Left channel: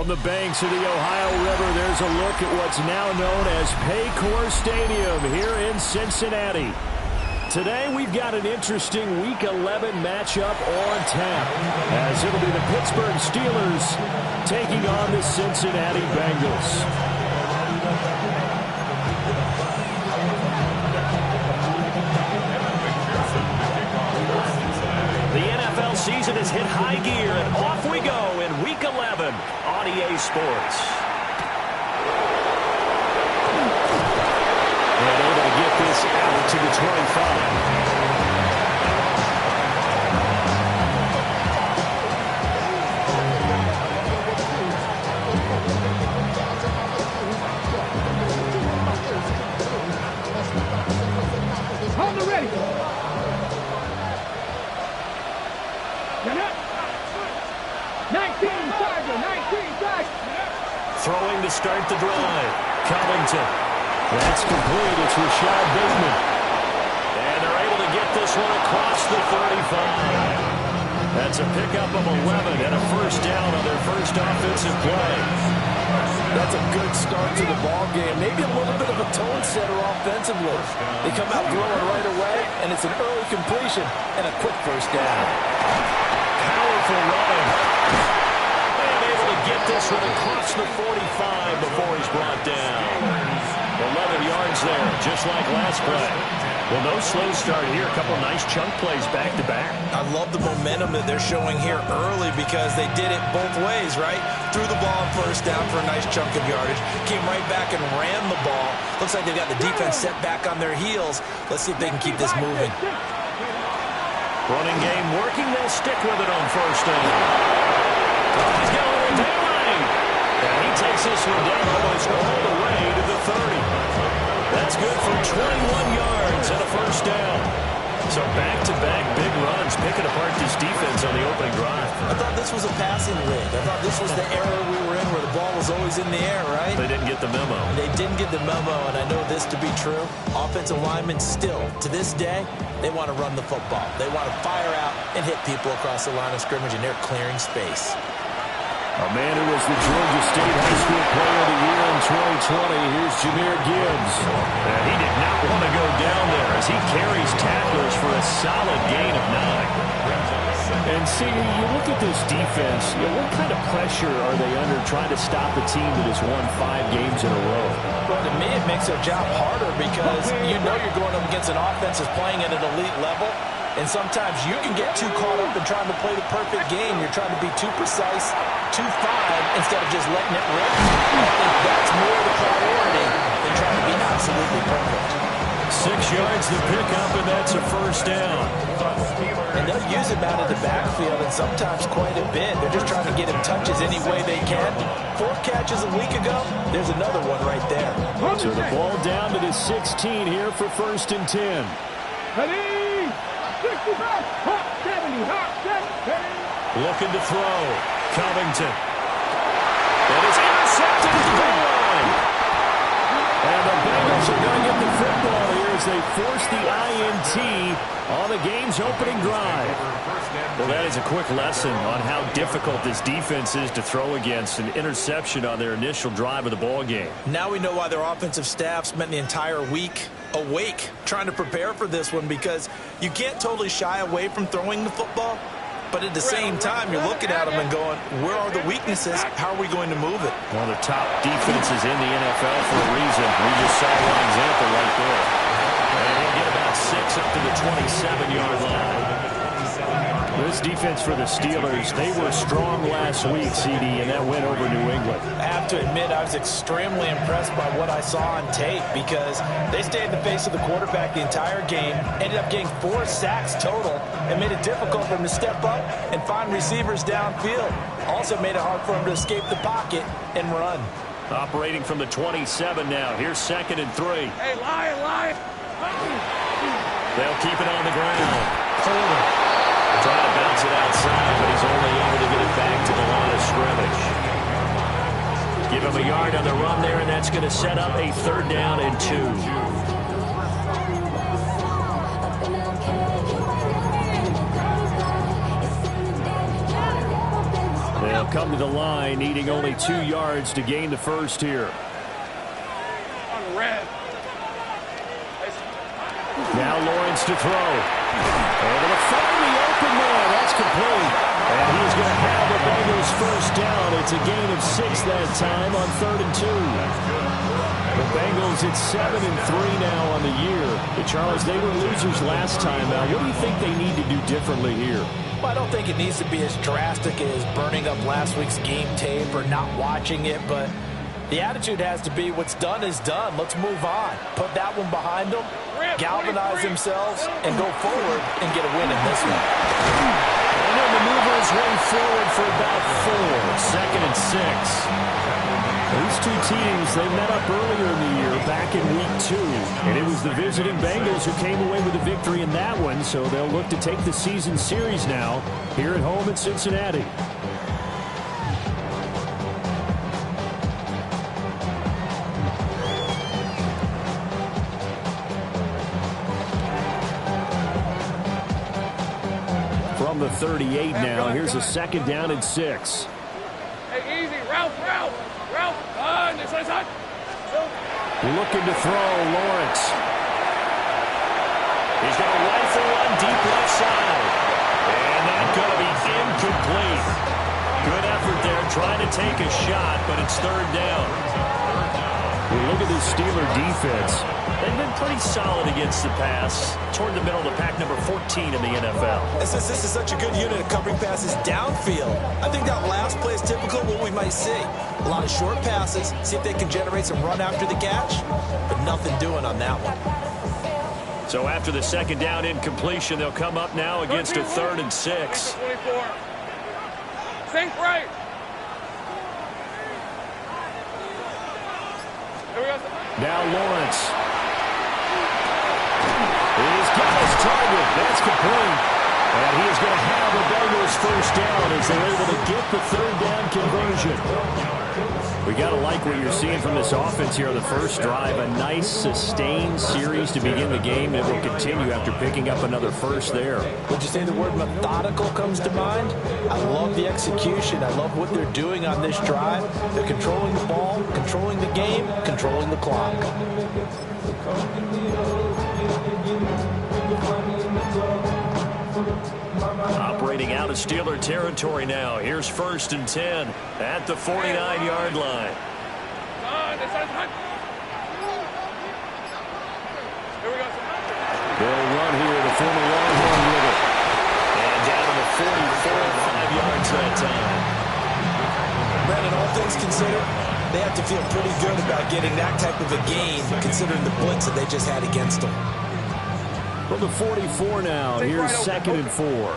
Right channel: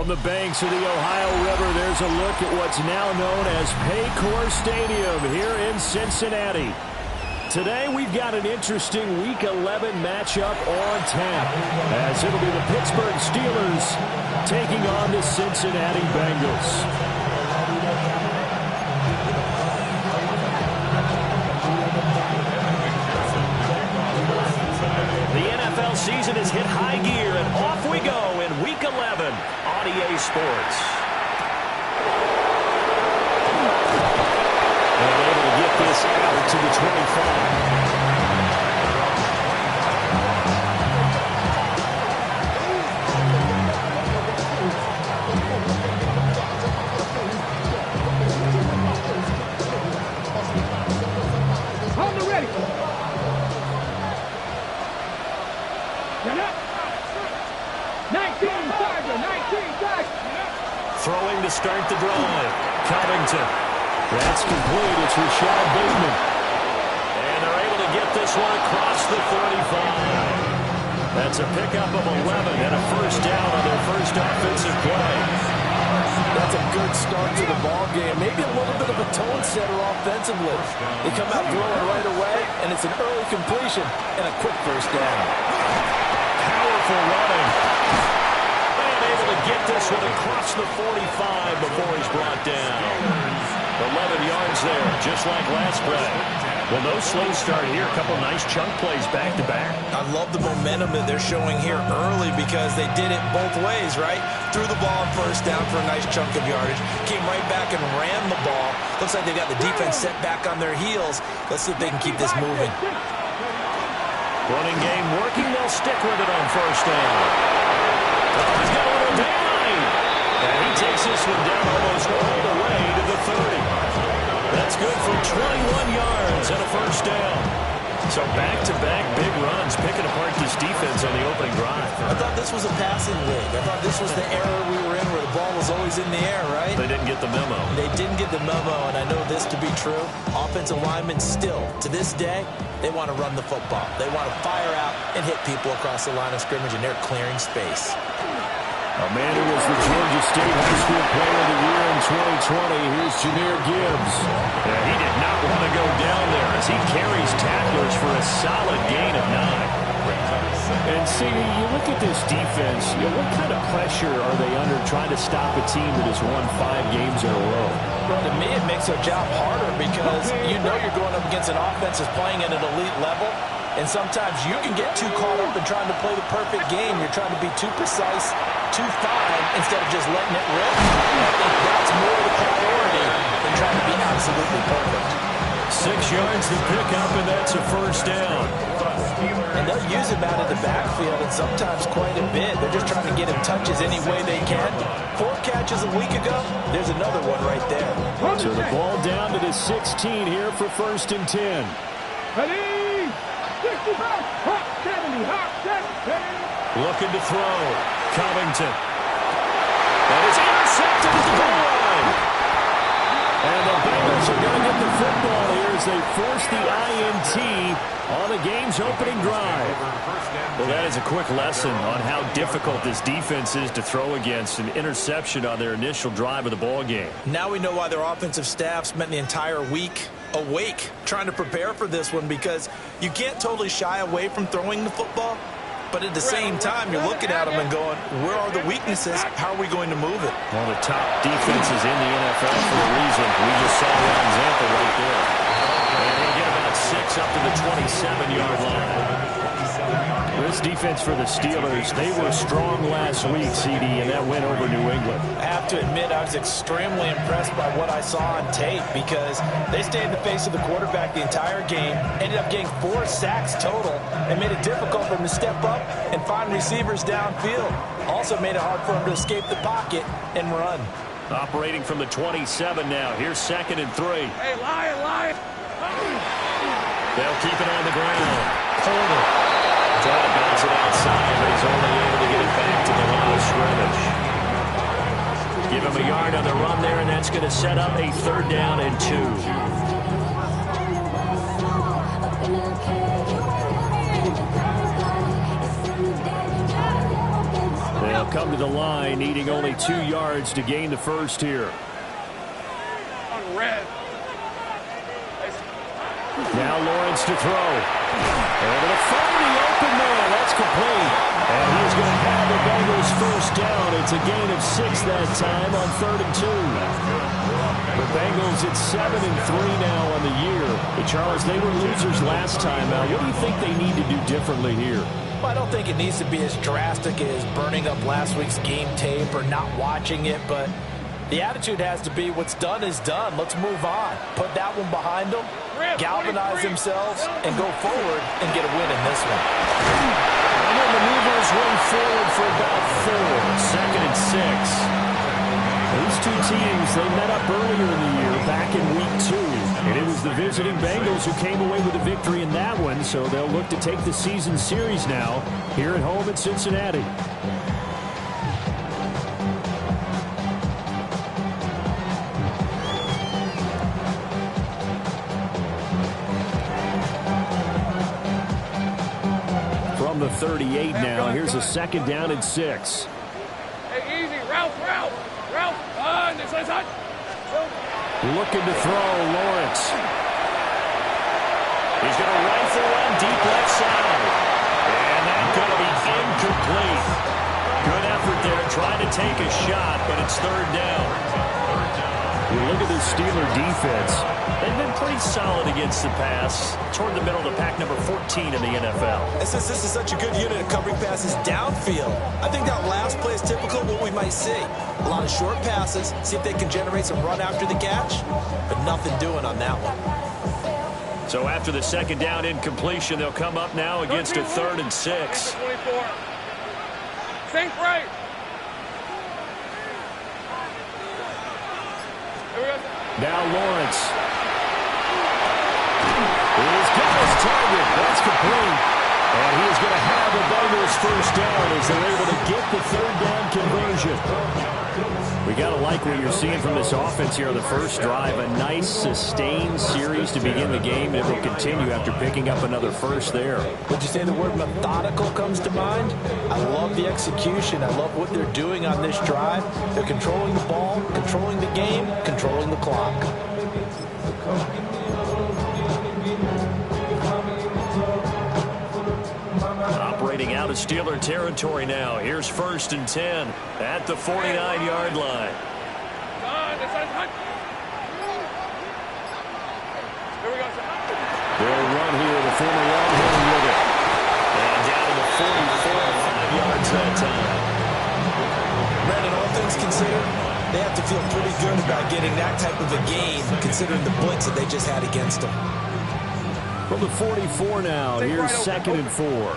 From the banks of the Ohio River, there's a look at what's now known as Paycor Stadium here in Cincinnati. Today, we've got an interesting Week 11 matchup on tap, as it'll be the Pittsburgh Steelers taking on the Cincinnati Bengals. The NFL season has hit high gear, and off we go in Week 11 on EA Sports. And able to get this out to the 25. On the ready. 19 Tiger. Throwing to start the drive. Covington. That's complete. It's Rashad Bateman. And they're able to get this one across the 35. That's a pickup of 11 and a first down on their first offensive play. That's a good start to the ball game. Maybe a little bit of a tone setter offensively. They come out throwing right away, and it's an early completion and a quick first down. Powerful running. And able to get this one across the 45 before he's brought down. 11 yards there, just like last play. Well, no slow start here. A couple nice chunk plays back-to-back. I love the momentum that they're showing here early because they did it both ways, right? Threw the ball on first down for a nice chunk of yardage. Came right back and ran the ball. Looks like they've got the defense set back on their heels. Let's see if they can keep this moving. Running game working. They'll stick with it on first down. Oh, he's got a little daylight. And he takes this one down almost all the way to the 30. That's good for 21 yards and a first down. So back-to-back big runs, picking apart this defense on the opening drive. I thought this was a passing league. I thought this was the era we were in where the ball was always in the air, right? They didn't get the memo. They didn't get the memo, and I know this to be true. Offensive linemen still, to this day, they want to run the football. They want to fire out and hit people across the line of scrimmage, and they're clearing space. A man who was the Georgia State High School Player of the Year in 2020. Here's Jahmyr Gibbs. And he did not want to go down there as he carries tacklers for a solid gain of 9. And see, you look at this defense, what kind of pressure are they under trying to stop a team that has won 5 games in a row? Well, to me, it makes their job harder because you know you're going up against an offense that's playing at an elite level. And sometimes you can get too caught up in trying to play the perfect game. You're trying to be too precise, too fine, instead of just letting it rip. And I think that's more the priority than trying to be absolutely perfect. 6 yards to pick up, and that's a first down. And they'll use him out of the backfield, and sometimes quite a bit. They're just trying to get him touches any way they can. 4 catches a week ago, there's another one right there. So the ball down to the 16 here for first and 10. Ready? 65, hot 70, hot 70. Looking to throw. Covington. And it's intercepted at the goal line. And the Bengals are going to get the football here as they force the INT on the game's opening drive. Well, that is a quick lesson on how difficult this defense is to throw against. An interception on their initial drive of the ball game. Now we know why their offensive staff spent the entire week awake trying to prepare for this one, because you can't totally shy away from throwing the football, but at the same time you're looking at them and going, where are the weaknesses? How are we going to move it? One of the top defenses in the NFL for a reason. We just saw one example right there. And he'll get about 6 up to the 27-yard line. This defense for the Steelers, they were strong last week, CD, and that went over New England. I have to admit, I was extremely impressed by what I saw on tape, because they stayed in the face of the quarterback the entire game, ended up getting 4 sacks total, and made it difficult for him to step up and find receivers downfield. Also made it hard for him to escape the pocket and run. Operating from the 27 now. Here's 2nd and 3. Hey, lion. They'll keep it on the ground. Porter trying to bounce it outside, but he's only able to get it back to the line of scrimmage. Give him a yard on the run there, and that's going to set up a 3rd down and 2. They'll come to the line, needing only 2 yards to gain the first here. On red. Now Lawrence to throw. Able to find the open man. That's complete. And he's going to have the Bengals first down. It's a gain of 6 that time on 3rd and 2. The Bengals at 7-3 now on the year. But Charles, they were losers last time out. What do you think they need to do differently here? Well, I don't think it needs to be as drastic as burning up last week's game tape or not watching it, but the attitude has to be what's done is done. Let's move on. Put that one behind them, galvanize themselves, and go forward and get a win in this one. And he'll maneuver his way forward for about 4. 2nd and 6. These two teams, they met up earlier in the year, back in week 2. And it was the visiting Bengals who came away with a victory in that one, so they'll look to take the season series now here at home in Cincinnati. From the 38 now, here's a 2nd down and 6. Hey, easy. Ralph. This is hot. Looking to throw, Lawrence. He's going to rifle one deep left side. And that's going to be incomplete. Good effort there, trying to take a shot, but it's 3rd down. You look at this Steeler defense. They've been pretty solid against the pass. Toward the middle of the pack, number 14 in the NFL. And since this is such a good unit of covering passes downfield, I think that last play is typical of what we might see. A lot of short passes, see if they can generate some run after the catch, but nothing doing on that one. So after the 2nd down incompletion, they'll come up now against a 3rd and 6. 24. Think right. Now Lawrence. He's got his target. That's complete. And he is going to have the Bengals first down as they're able to get the 3rd down conversion. We got to like what you're seeing from this offense here on the first drive. A nice sustained series to begin the game, and it will continue after picking up another first there. Would you say the word methodical comes to mind? I love the execution. I love what they're doing on this drive. They're controlling the ball, controlling the game, controlling the clock. Operating out of Steeler territory now. Here's 1st and 10 at the 49-yard line. They'll run here, the former Longhorn with it. And down to the 44, 5 yards that time. Brandon, all things considered, they have to feel pretty good about getting that type of a gain, considering the blitz that they just had against them. From the 44 now, here's 2nd and 4.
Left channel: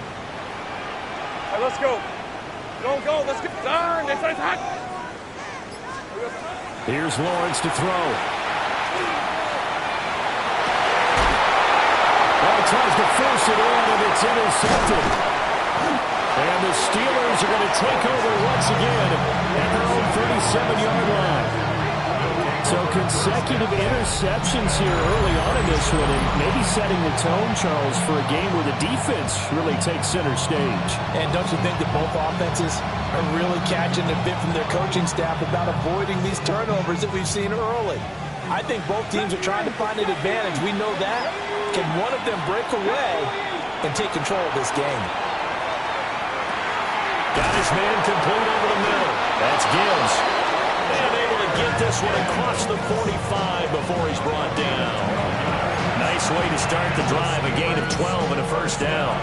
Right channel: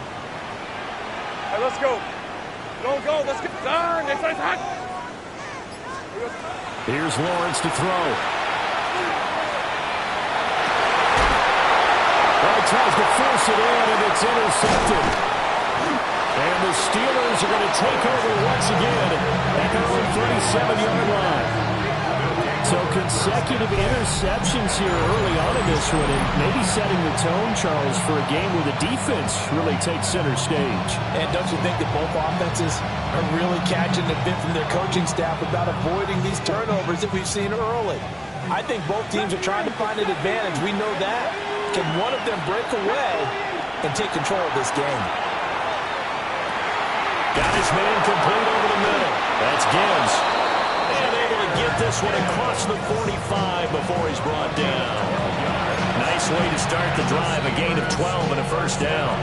Hey, let's go. Go. Let's get done. This is hot. Here's Lawrence to throw. Well, he tries to force it in, and it's intercepted. And the Steelers are going to take over once again at their own 37-yard line. So consecutive interceptions here early on in this one, and maybe setting the tone, Charles, for a game where the defense really takes center stage. And don't you think that both offenses are really catching a bit from their coaching staff about avoiding these turnovers that we've seen early? I think both teams are trying to find an advantage. We know that. Can one of them break away and take control of this game? Got his man complete over the middle. That's Gibbs. And able to get this one across the 45 before he's brought down. Nice way to start the drive. A gain of 12 and a first down.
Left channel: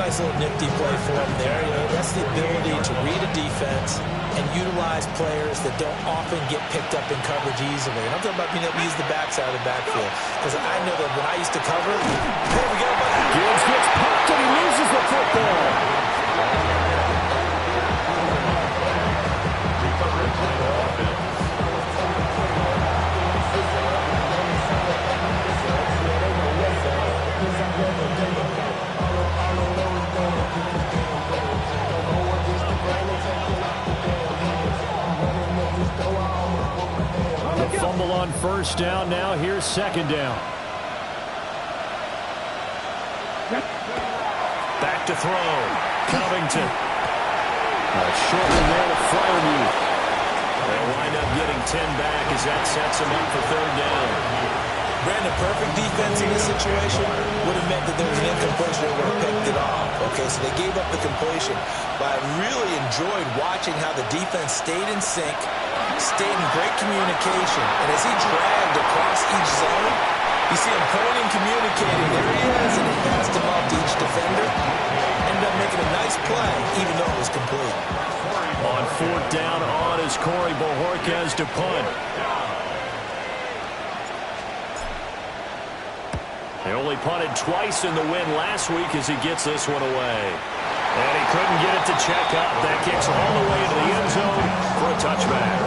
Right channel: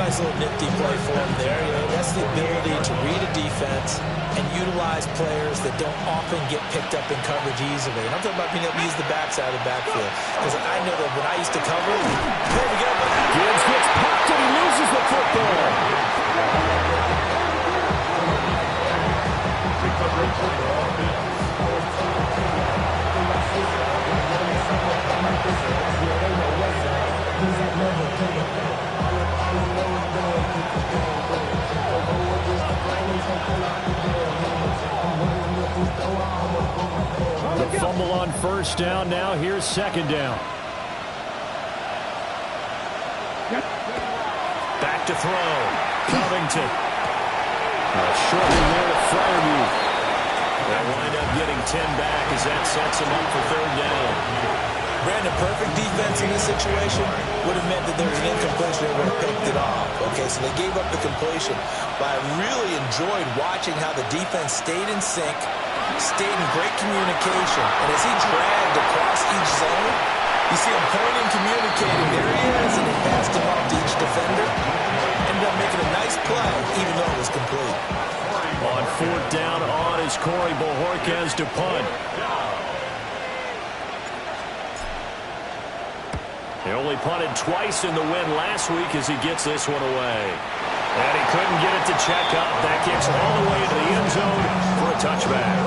Nice little nifty play for him there. You know, that's the ability to read a defense and utilize players that don't often get picked up in coverage easily. And I'm talking about being able to use the backside of the backfield. Because I know that when I used to cover, there we go. Gibbs gets popped and he loses the football. The fumble on first down. Now here's 2nd down. Back to throw. Covington. Shortly there to Fryerview. They'll wind up getting 10 back as that sets them up for third down. Brandon, perfect defense in this situation would have meant that there was an incompletion that would have picked it off. Okay, so they gave up the completion. But I really enjoyed watching how the defense stayed in sync, stayed in great communication. And as he dragged across each zone, you see him pointing, communicating. There he is, and he passed him off to each defender. Ended up making a nice play, even though it was complete. On fourth down on is Corey Bojorquez to punt. He only punted twice in the win last week as he gets this one away. And he couldn't get it to check up. That kicks all the way into the end zone for a touchback.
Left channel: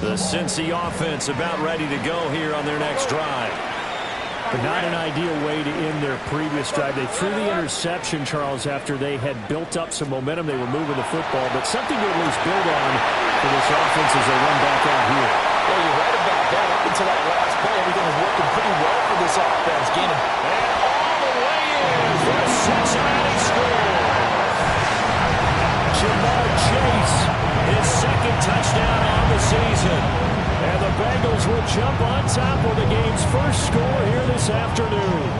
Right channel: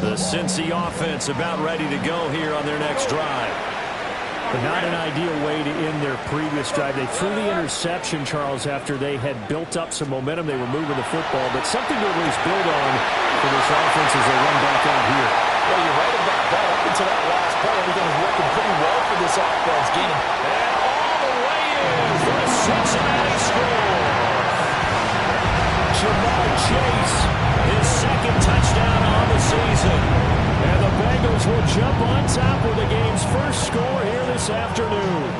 The Cincy offense about ready to go here on their next drive. But not an ideal way to end their previous drive. They threw the interception, Charles, after they had built up some momentum. They were moving the football, but something to at least build on for this offense as they run back out here. Well, you're right about that. Up until that last play, everything was working pretty well for this offense. Gaining. And all the way in for a Cincinnati score. Jamar Chase, his second touchdown on the season. And the Bengals will jump on top with the game's first score here this afternoon.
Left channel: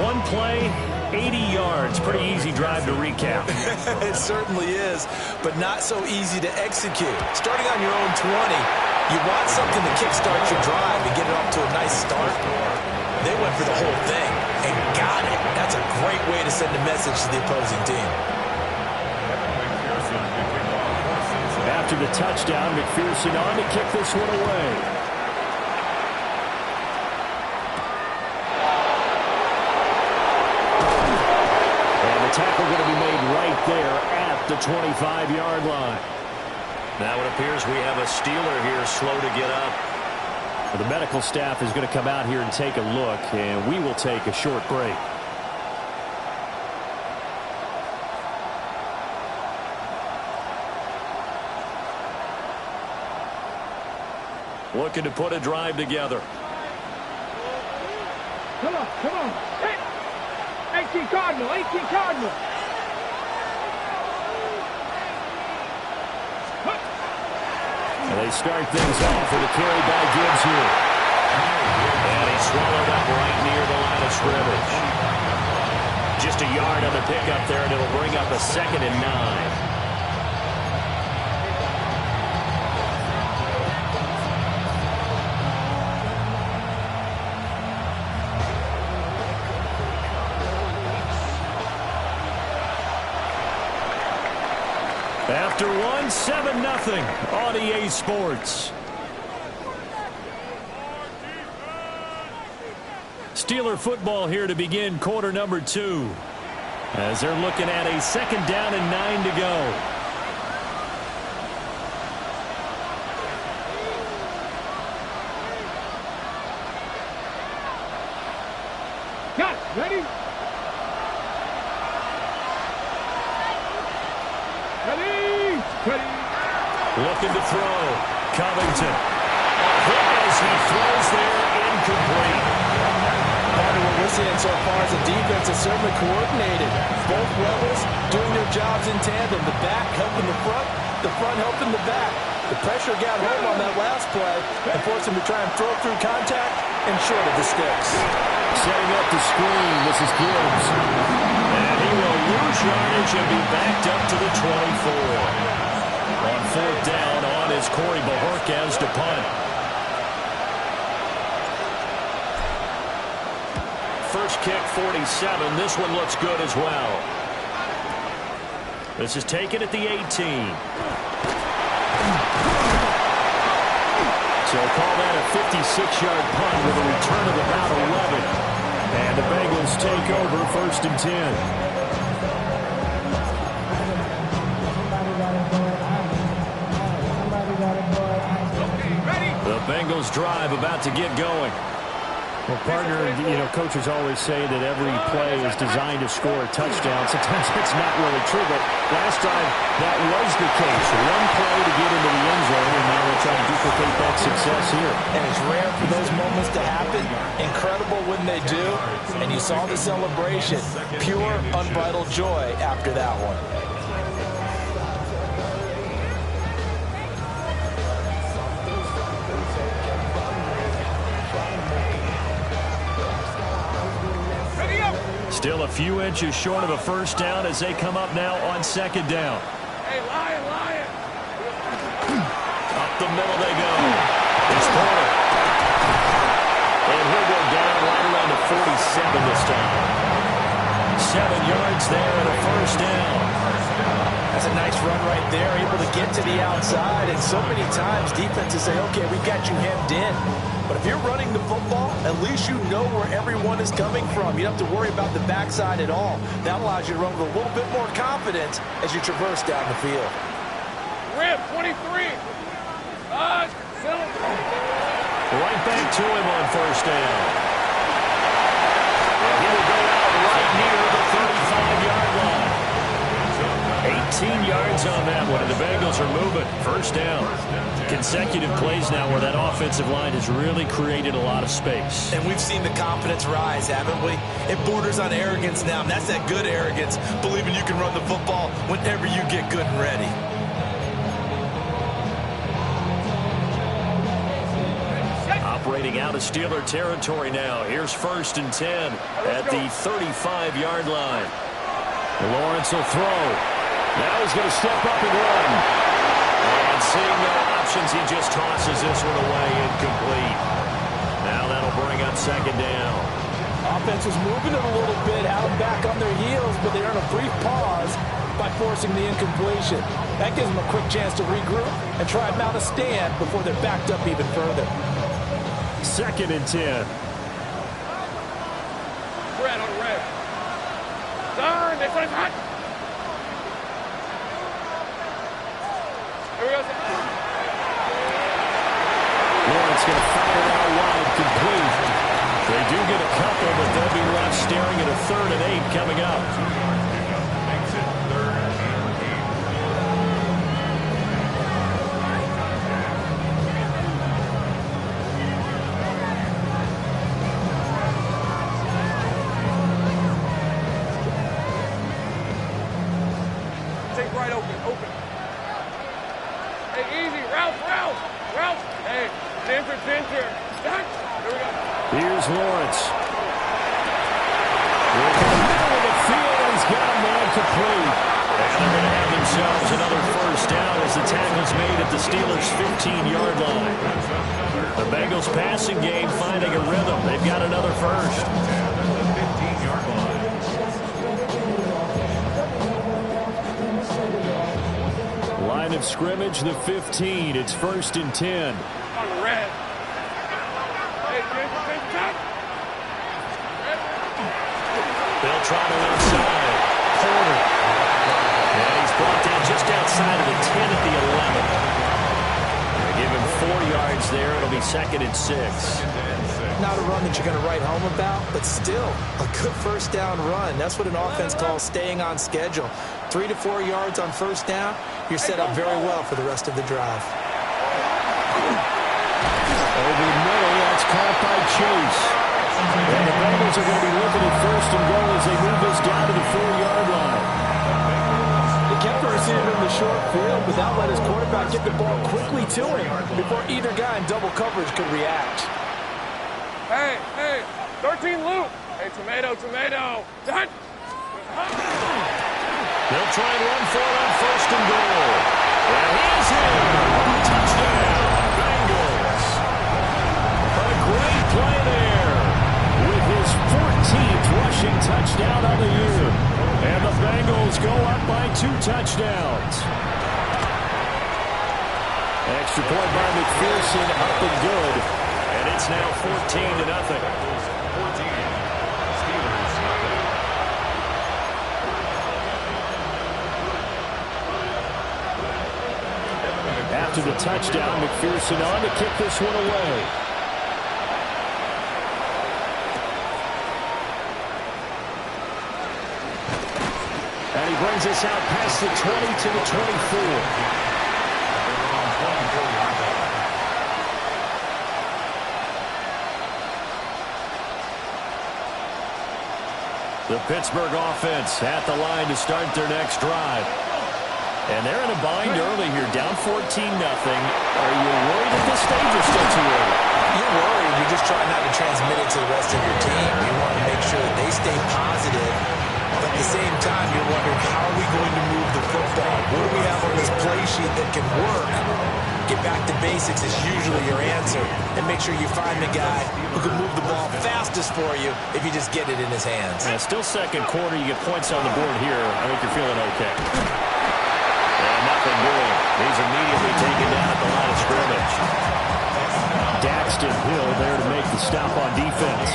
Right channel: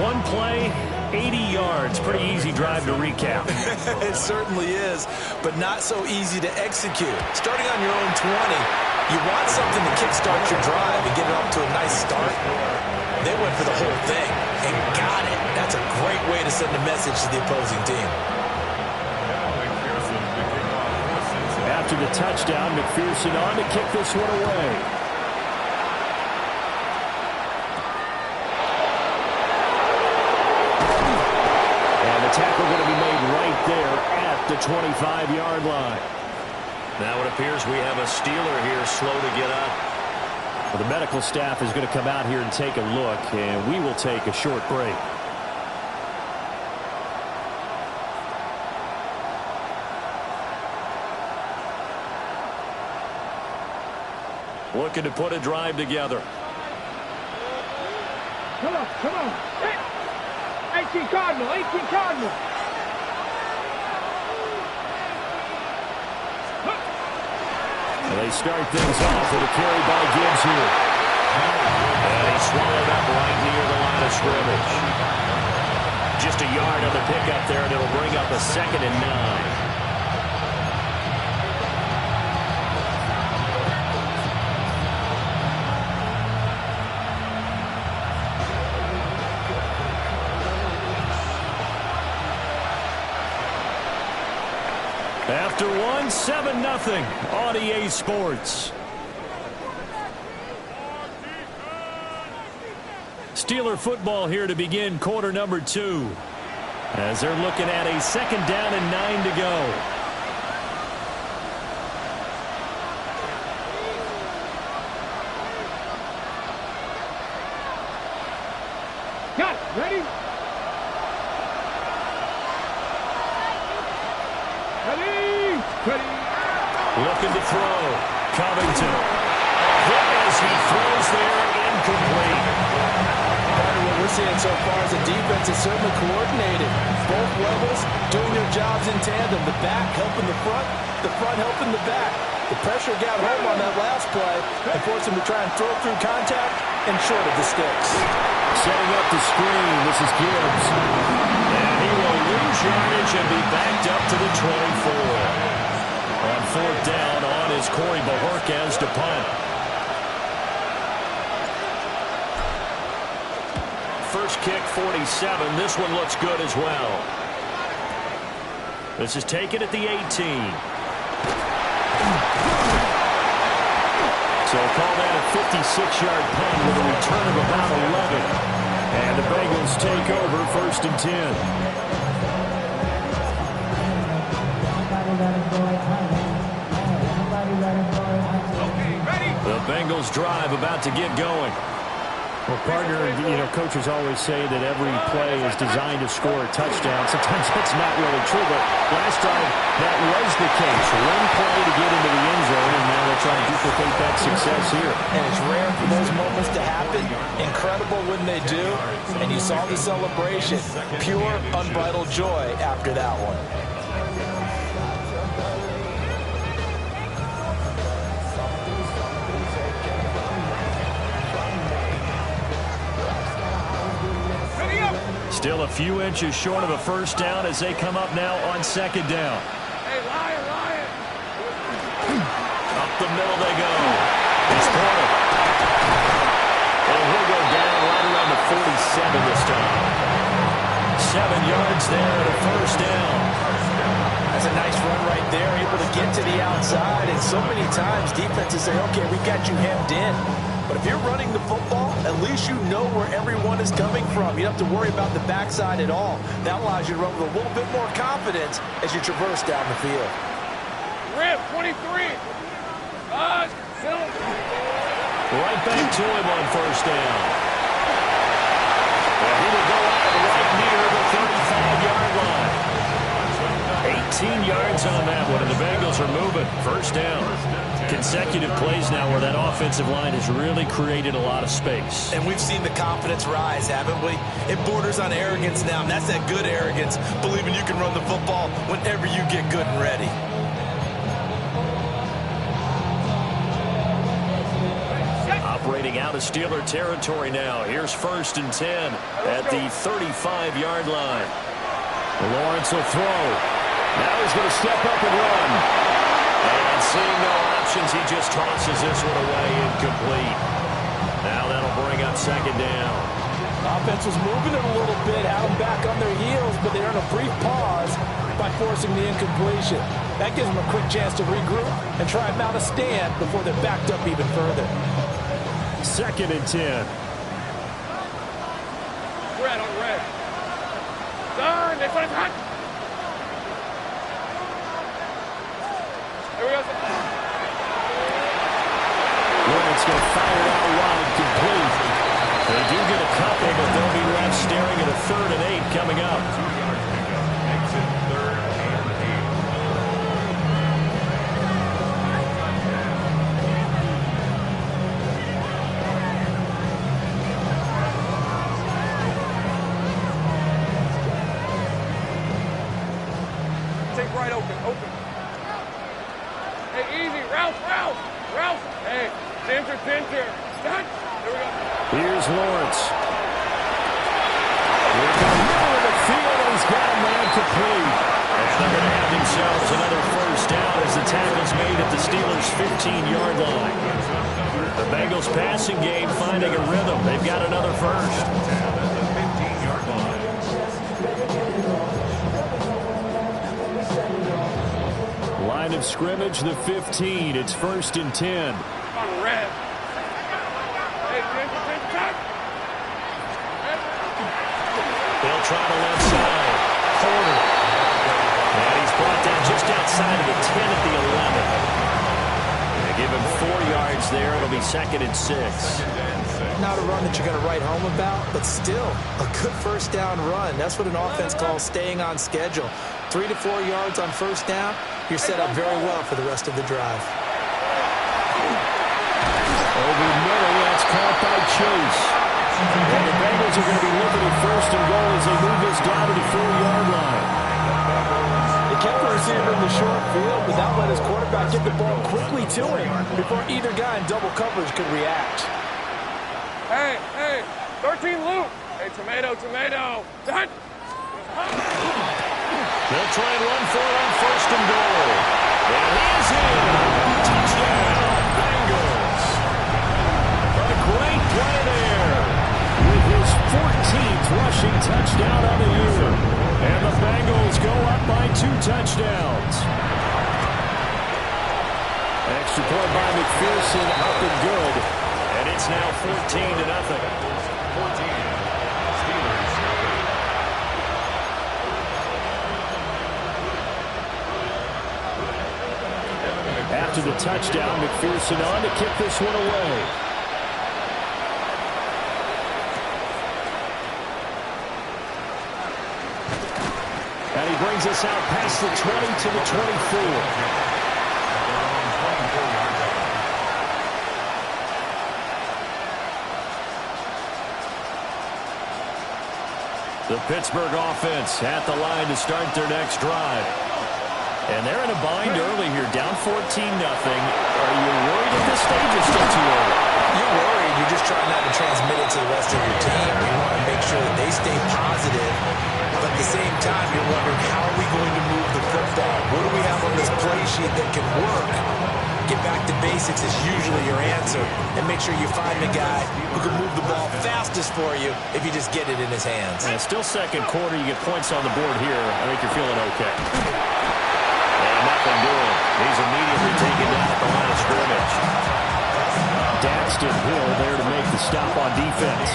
One play, 80 yards. Pretty easy drive to recap. It certainly is, but not so easy to execute. Starting on your own 20, you want something to kickstart your drive and get it off to a nice start. They went for the whole thing and got it. That's a great way to send a message to the opposing team. After the touchdown, McPherson on to kick this one away. And the tackle going to be made right there at the 25-yard line. Now it appears we have a Steeler here slow to get up. Well, the medical staff is going to come out here and take a look, and we will take a short break. Looking to put a drive together. Come on, come on. 18 Cardinal, 18 Cardinal. And they start things off with a carry by Gibbs here. And he's swallowed up right near the line of scrimmage. Just a yard on the pickup there, and it'll bring up a 2nd and 9. After one, 7-0 on EA Sports. Steeler football here to begin quarter number 2. As they're looking at a 2nd down and 9 to go. Got it. Ready? Ready. Looking to throw. Covington. Hit as he throws there, incomplete. Part of what we're seeing so far is the defense is certainly coordinated. Both levels doing their jobs in tandem. The back helping the front helping the back. The pressure got home on that last play and forced him to try and throw through contact and short of the sticks. Setting up the screen. This is Gibbs. And he will lose yardage and be backed up to the 24. On fourth down, on is Corey Bojorquez to punt. First kick, 47. This one looks good as well. This is taken at the 18. So call that a 56-yard punt with a return of about 11. And the Bengals take over 1st and 10. The Bengals drive about to get going. Well, partner, coaches always say that every play is designed to score a touchdown. Sometimes that's not really true, but last time that was the case. One play to get into the end zone, and now they're trying to duplicate that success here. And it's rare for those moments to happen. Incredible when they do. And you saw the celebration. Pure, unbridled joy after that one. Still a few inches short of a first down as they come up now on second down. Hey, Lion! Up the middle they go. It's Porter. And he'll go down right around the 47 this time. 7 yards there and a first down. That's a nice run right there, able to get to the outside. And so many times defenses say, okay, we got you hemmed in. But if you're running the football, at least you know where everyone is coming from. You don't have to worry about the backside at all. That allows you to run with a little bit more confidence as you traverse down the field. Rip, 23. Right back to him on first down. Well, he will go out right near the 35-yard line. 18 yards on that one, and the Bengals are moving. First down. Consecutive plays now where that offensive line has really created a lot of space. And we've seen the confidence rise, haven't we? It borders on arrogance now, and that's that good arrogance, believing you can run the football whenever you get good and ready. Operating out of Steeler territory now. Here's 1st and 10 at the 35-yard line. Lawrence will throw. Now he's going to step up and run. And seeing no options, he just tosses this one away, incomplete. Now that'll bring up second down. Offense was moving it a little bit, had them back on their heels, but they earn a brief pause by forcing the incompletion. That gives them a quick chance to regroup and try and mount a stand before they're backed up even further. 2nd and 10. Red on red. Darn, they put it hot. Here we go. Lawrence going to fire it out wide, complete. They do get a couple, but they'll be left staring at a 3rd and 8 coming up. 2 yards pickup makes it 3rd and 8. Take right open. Hey, easy, Ralph. Hey, Ginger. Done. Here we go. Here's Lawrence. We're in the middle of the field, and he's got a man complete. And they're going to have themselves another first down as the tackle's made at the Steelers' 15-yard line. The Bengals passing game finding a rhythm. They've got another first.10 at the 15-yard line. Line of scrimmage, the 15. It's 1st and 10. On red. Hey, Ginger, cut. They'll try to left side. Porter. And he's brought down just outside of the 10 at the 11. They give him 4 yards there. It'll be 2nd and 6. Not a run that you're going to write home about, but still a good first down run. That's what an offense calls staying on schedule. 3 to 4 yards on first down, you're set up very well for the rest of the drive. Over the middle, that's caught by Chase. And the Bengals are going to be looking at 1st and goal as they move this down to the 4-yard line. They kept the receiver in the short field, but that let his quarterback get the ball quickly to him before either guy in double coverage could react. Hey, 13 loop. Hey, tomato. Done. They'll try and run for it on 1st and goal. And he is in. Touchdown, Bengals. A great play there with his 14th rushing touchdown on the year. And the Bengals go up by 2 touchdowns. Extra point by McPherson, up and good. And it's now 14-0. Bengals 14, Steelers nothing. After the touchdown, McPherson on to kick this one away. he brings us out past the 20 to the 24. They're on 24-yard line. The Pittsburgh offense at the line to start their next drive. And they're in a bind early here, down 14-0. Are you worried at this stage or still too early? You're worried. You're just trying not to transmit it to the rest of your team. You want to make sure that they stay positive. But at the same time, you're wondering, how are we going to move the football? What do we have on this play sheet that can work? Get back to basics is usually your answer. And make sure you find the guy who can move the ball fastest for you if you just get it in his hands. And still second quarter. You get points on the board here. I think you're feeling okay. And nothing doing. He's immediately taken down at the line of scrimmage. Daxton Hill there to make the stop on defense.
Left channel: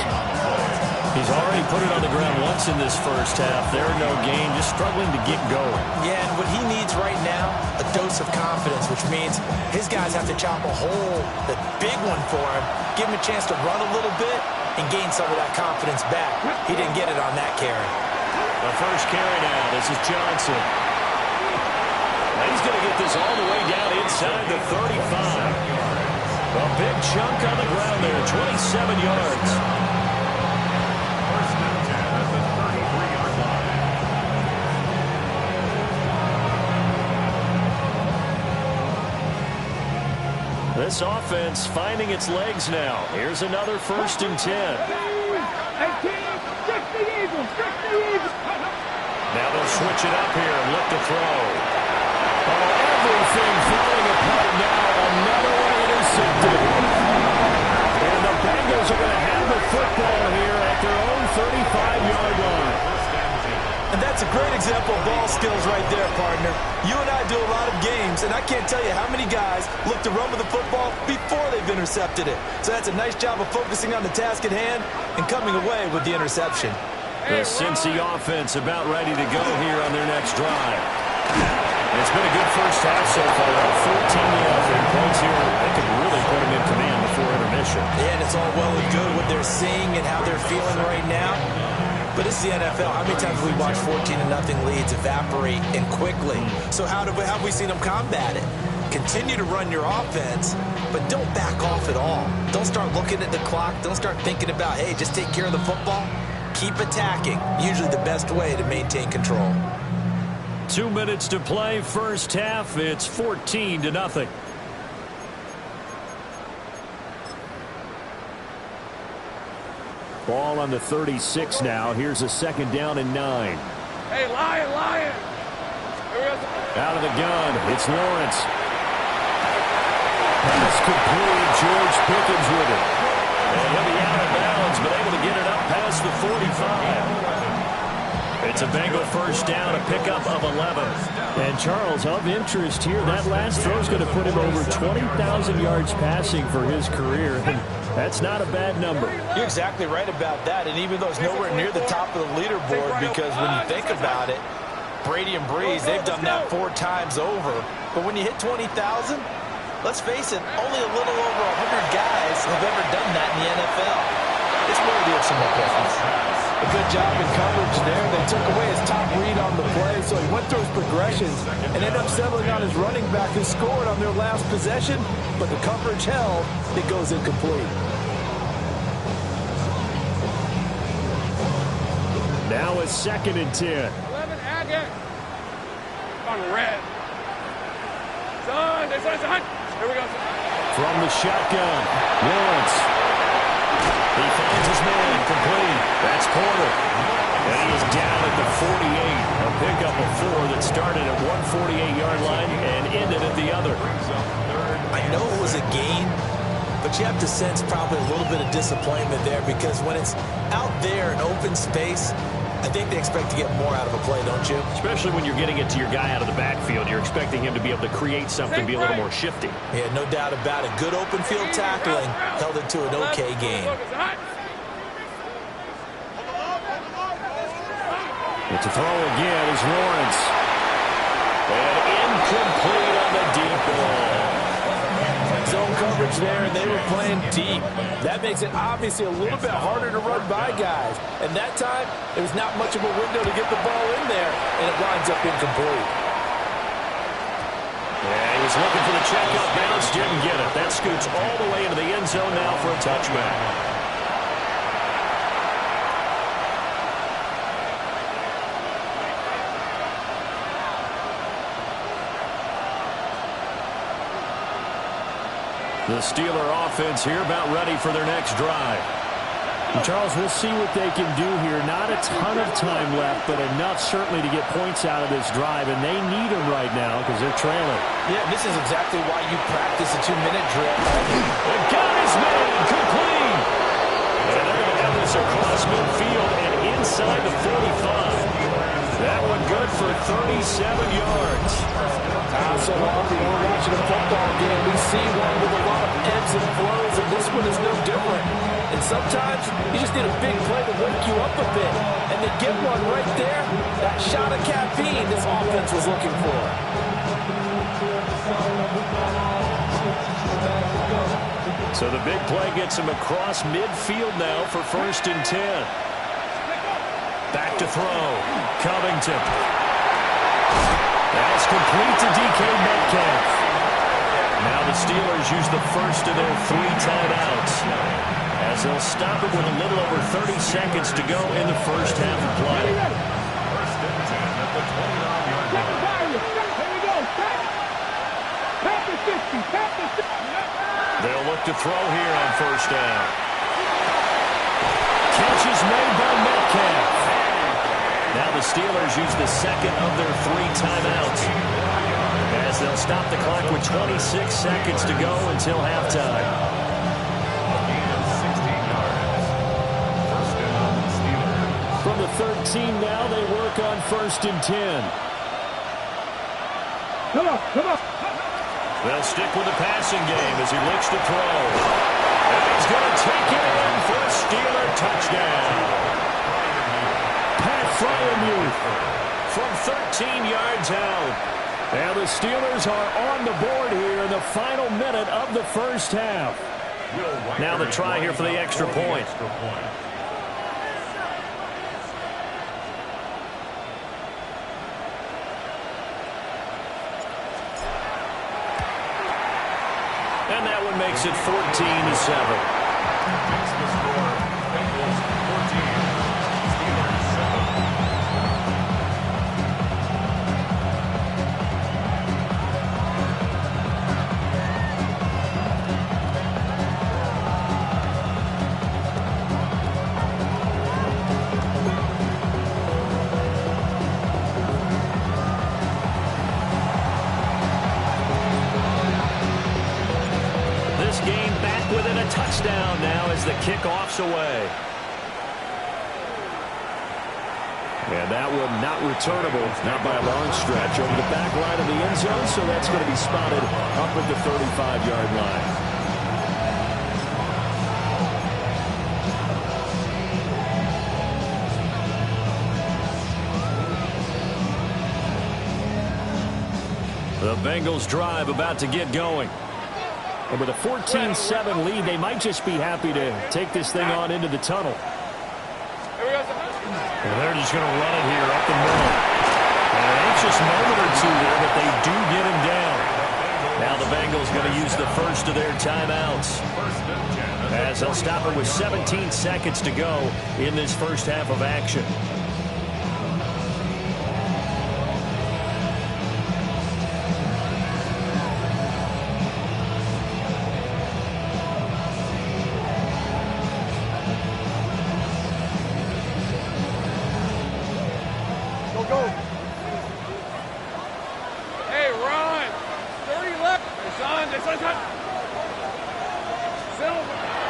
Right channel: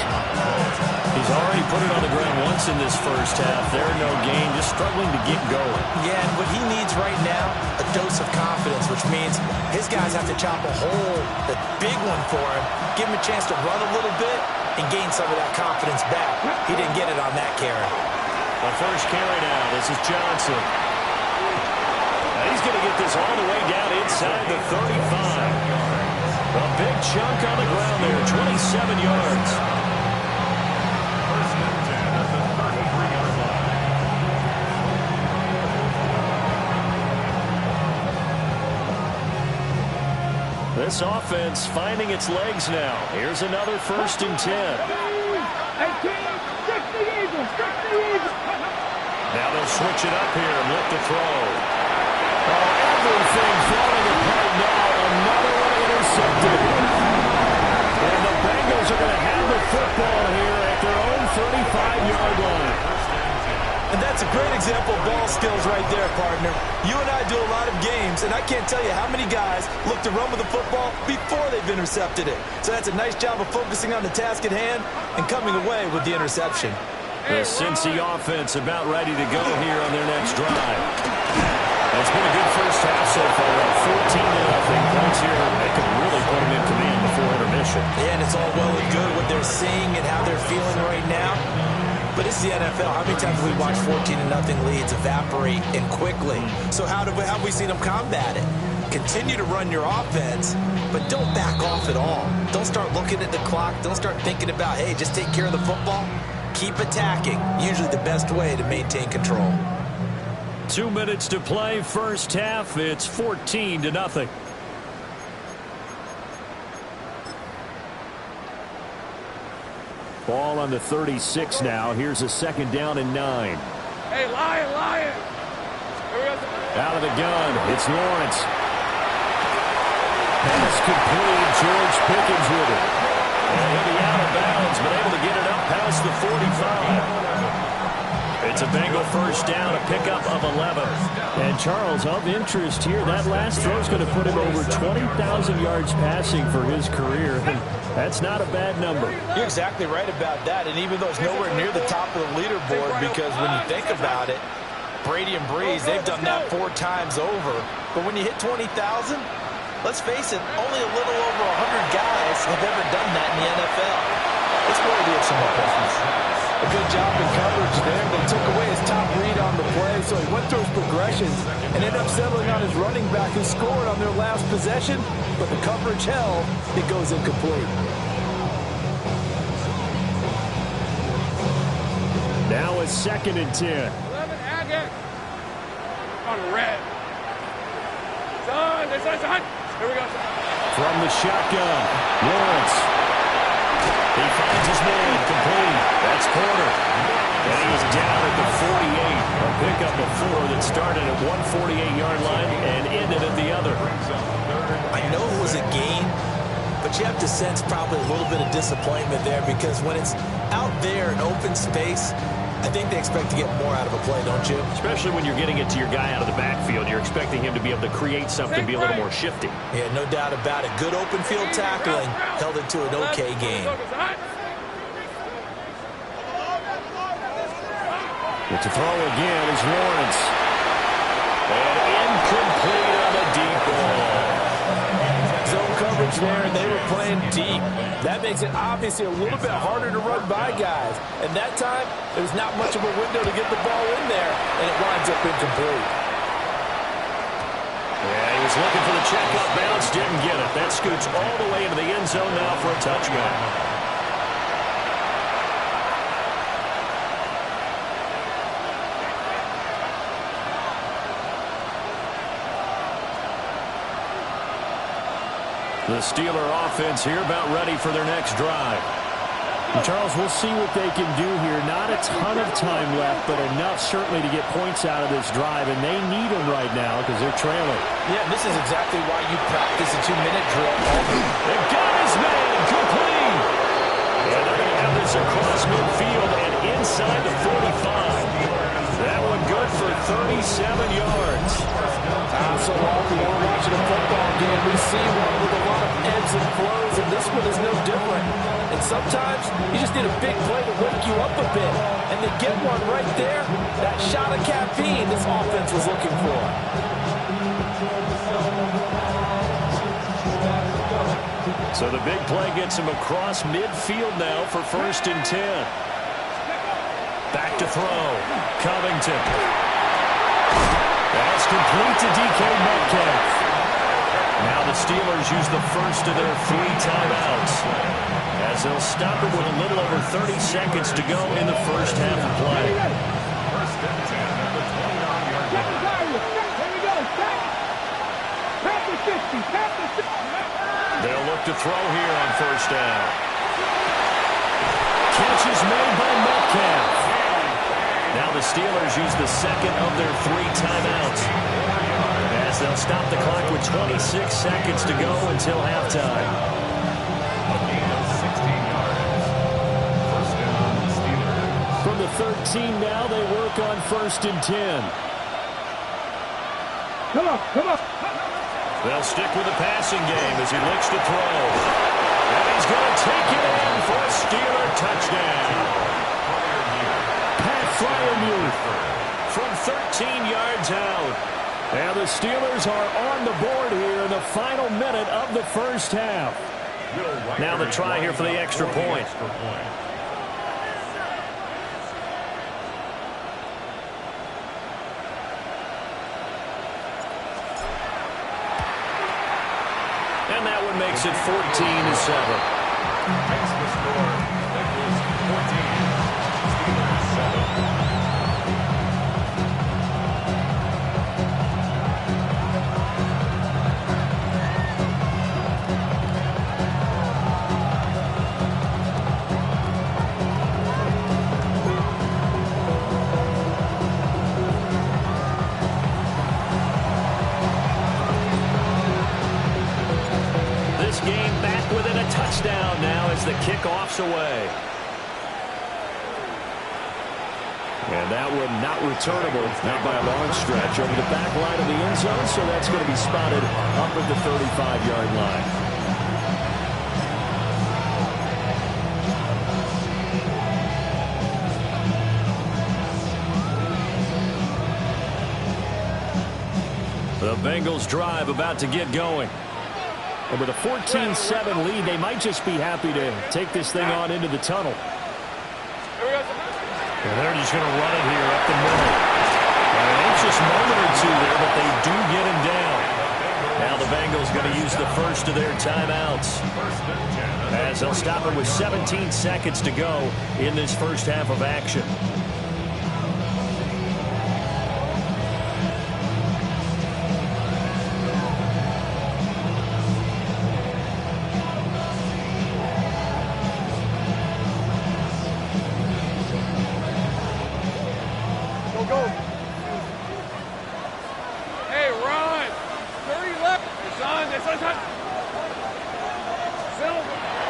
He's already put it on the ground once in this first half. There, no gain, just struggling to get going. Yeah, and what he needs right now, a dose of confidence, which means his guys have to chop a hole, the big one for him, give him a chance to run a little bit and gain some of that confidence back. He didn't get it on that carry. The first carry now. This is Johnson. Now he's going to get this all the way down inside the 35. A big chunk on the ground there, 27 yards. First and 10 at the 33-yard line. This offense finding its legs now. Here's another first and 10. Now they'll switch it up here and look to throw. Oh, everything falling apart now. Another one intercepted. And the Bengals are going to have the football here at their own 35-yard line. And that's a great example of ball skills right there, partner. You and I do a lot of games, and I can't tell you how many guys look to run with the football before they've intercepted it. So that's a nice job of focusing on the task at hand and coming away with the interception. The Cincy offense about ready to go here on their next drive. It's been a good first half so far. Up 14-0 points here. They could really put them in command before intermission. Yeah, and it's all well and good what they're seeing and how they're feeling right now. But it's the NFL. How many times have we watched 14-0 leads evaporate and quickly? So how have we seen them combat it? Continue to run your offense, but don't back off at all. Don't start looking at the clock. Don't start thinking about, hey, just take care of the football. Keep attacking. Usually the best way to maintain control. 2 minutes to play, first half. It's 14-0. Ball on the 36 now. Here's a second down and 9. Hey, Lion! Here we go. Out of the gun, it's Lawrence. Pass complete, George Pickens with it. And he'll be out of bounds, but able to get it up past the 45. It's a Bengal first down, a pickup of 11. And Charles, of interest here, that last throw is going to put him over 20,000 yards passing for his career. And that's not a bad number. You're exactly right about that. And even though it's nowhere near the top of the leaderboard, because when you think about it, Brady and Breeze, they've done that 4 times over. But when you hit 20,000, let's face it, only a little over 100 guys have ever done that in the NFL. It's worthy of some applause. A good job in coverage there. They took away his top read on the play, so he went through his progressions and ended up settling on his running back who scored on their last possession, but the coverage held. It goes incomplete. Now it's second and 10. 11, Agate. On red. Son. Here we go, son. From the shotgun, Lawrence. He finds his man, complete. That's Porter. And he is down at the 48. A pickup of 4 that started at 148-yard line and ended at the other. I know it was a gain, but you have to sense probably a little bit of disappointment there, because when it's out there in open space, I think they expect to get more out of a play, don't you? Especially when you're getting it to your guy out of the backfield. You're expecting him to be able to create something, be a little more shifty. Yeah, no doubt about it. Good open field tackling held it to an okay game. It's a throw again is Lawrence. And incomplete on the deep ball. Zone coverage coverage there, and they were playing deep. That makes it obviously a little bit harder to run by guys. And that time, there was not much of a window to get the ball in there, and it winds up incomplete. Yeah, he was looking for the checkup bounce, didn't get it. That scoots all the way into the end zone now for a touchback. The Steeler offense here about ready for their next drive. And Charles, we'll see what they can do here. Not a ton of time left, but enough certainly to get points out of this drive, and they need them right now because they're trailing. Yeah, this is exactly why you practice a 2-minute drill. They got his man complete. And they're going to have this across midfield and inside the 45. That one good for 37 yards. So often when we're watching a football game, we see one with a lot of ebbs and flows, and this one is no different. And sometimes you just need a big play to wake you up a bit. And they get one right there, that shot of caffeine this offense was looking for. So the big play gets him across midfield now for 1st and 10. Back to throw. Covington. That's complete to DK Metcalf. Now the Steelers use the first of their 3 timeouts, as they'll stop it with a little over 30 seconds to go in the first half of play. 1st and 10 at the 29-yard line. Here we go. Tap the 60. Tap the 60. They'll look to throw here on 1st down. Catch is made by Metcalf. Now the Steelers use the second of their 3 timeouts, as they'll stop the clock with 26 seconds to go until halftime. A gain of 16 yards. 1st down, Steelers. From the 13 now, they work on 1st and 10. Come on, come on. They'll stick with the passing game as he looks to throw. And he's going to take it in for a Steeler touchdown. Pat Fryermuth from 13 yards out. And the Steelers are on the board here in the final minute of the first half. Now the try here for the extra point. And that one makes it 14-7. Makes the score. Bengals 14. Steelers 7. Game back within a touchdown now as the kickoff's away. And that one not returnable, not by a long stretch, over the back line of the end zone, so that's going to be spotted up at the 35-yard line. The Bengals drive about to get going. And with a 14-7 lead, they might just be happy to take this thing on into the tunnel. And they're just going to run it here up the middle. And an anxious moment or two there, but they do get him down. Now the Bengals going to use the first of their timeouts, as they'll stop it with 17 seconds to go in this first half of action.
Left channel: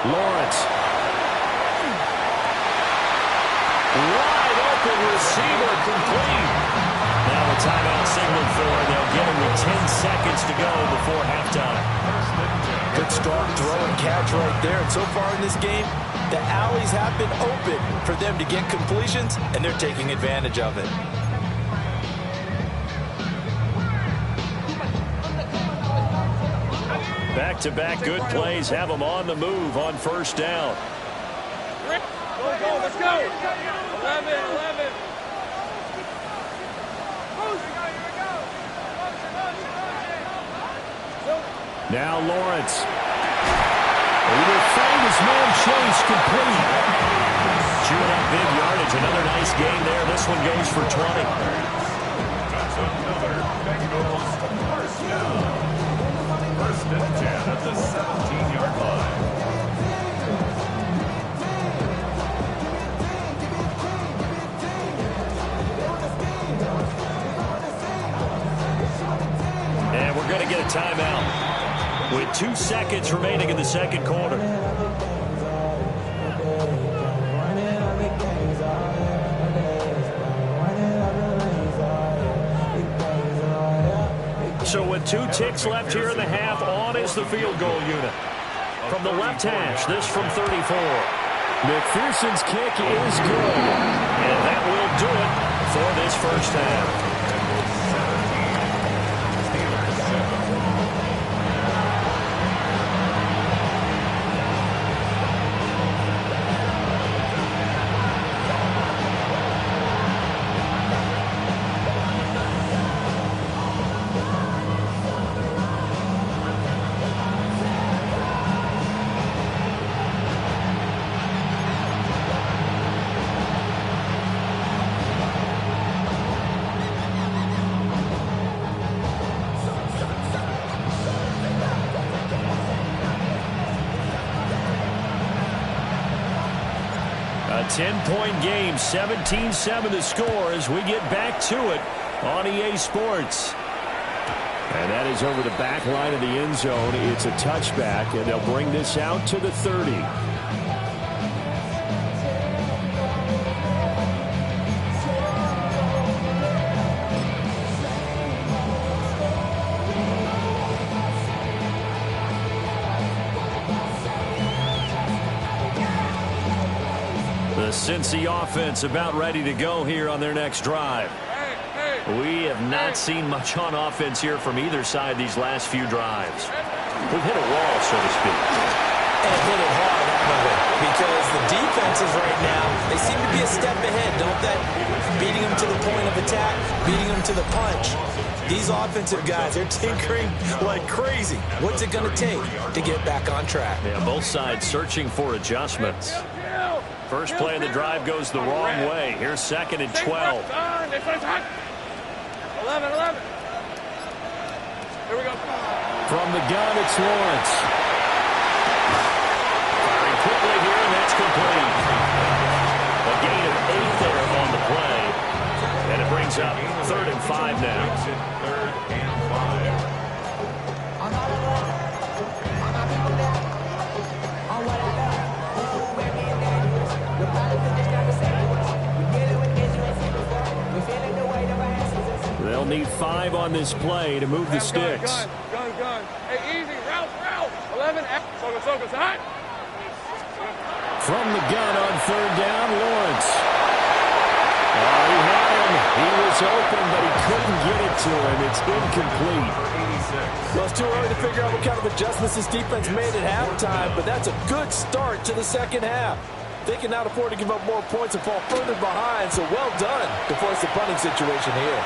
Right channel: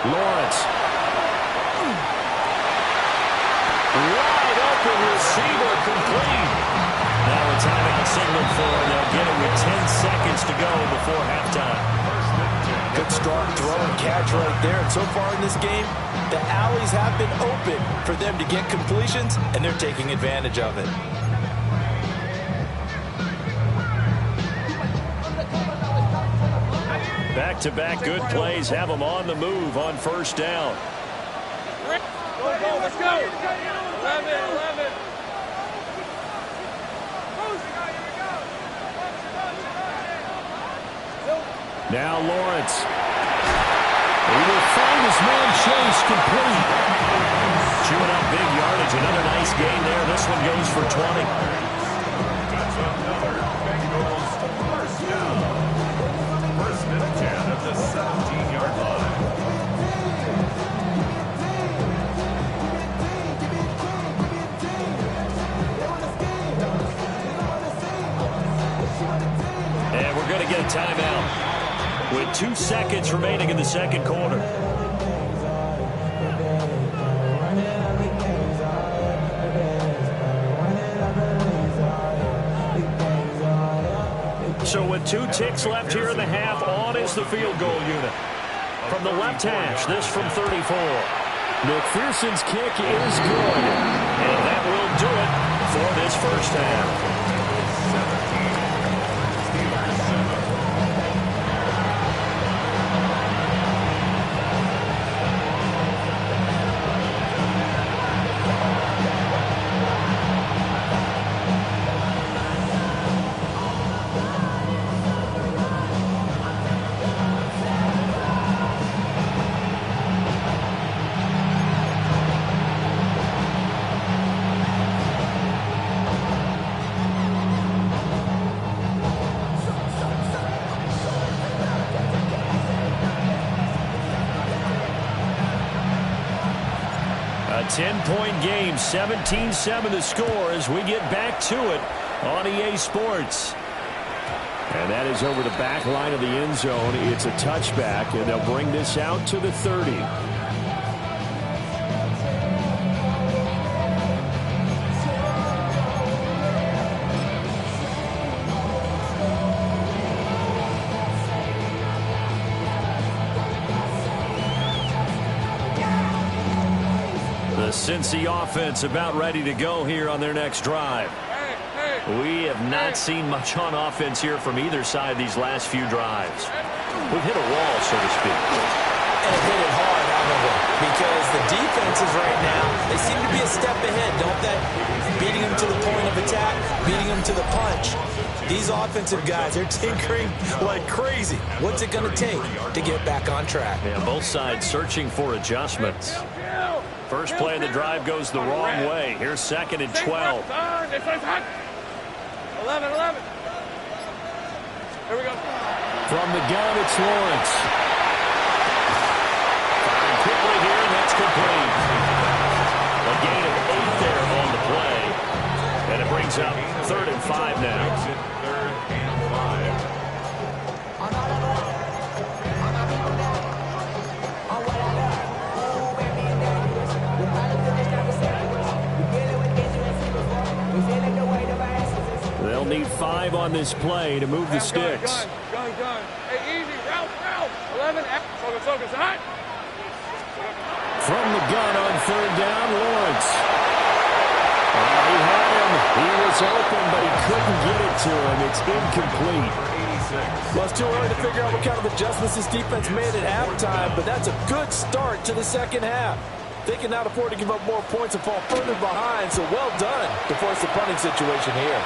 Lawrence. Wide open receiver complete. Now a timeout signaled for, and they'll get it with 10 seconds to go before halftime. Good start, throw and catch right there. And so far in this game, the alleys have been open for them to get completions, and they're taking advantage of it. Back Back-to-back good plays have them on the move on first down. Go, let's go. 11. Now Lawrence. He will find his man Chase complete. Chewing up big yardage. Another nice gain there. This one goes for 20. That's another Bengals first down. First and 10 at the 17-yard line. And we're going to get a timeout with 2 seconds remaining in the second quarter. So with 2 ticks left here in the half, on is the field goal unit. From the left hash, this from 34. McPherson's kick is good. And that will do it for this first half. 17, Steelers 7. A 10-point game, 17-7 to score as we get back to it on EA Sports. And that is over the back line of the end zone. It's a touchback, and they'll bring this out to the 30. The Cincy offense about ready to go here on their next drive. We have not seen much on offense here from either side these last few drives. We've hit a wall, so to speak. And hit it hard, haven't we? Because the defenses right now, they seem to be a step ahead, don't they? Beating them to the point of attack, beating them to the punch. These offensive guys, they're tinkering like crazy. What's it going to take to get back on track? Yeah, both sides searching for adjustments. First play of the drive goes the wrong way. Here's second and 12. 11. Here we go. From the gun, it's Lawrence. Firing quickly here, and that's complete. A gain of 8 there on the play. And it brings up 3rd and 5 now. Exit 3rd and 5. They'll need 5 on this play to move the sticks. Gun. Hey, easy. Ralph. 11. Focus. Hot. From the gun on 3rd down, Lawrence. Oh, he had him. He was open, but he couldn't get it to him. It's incomplete. Well, it's too early to figure out what kind of adjustments this defense made at halftime, but that's a good start to the second half. They can not afford to give up more points and fall further behind, so well done to force the punting situation here.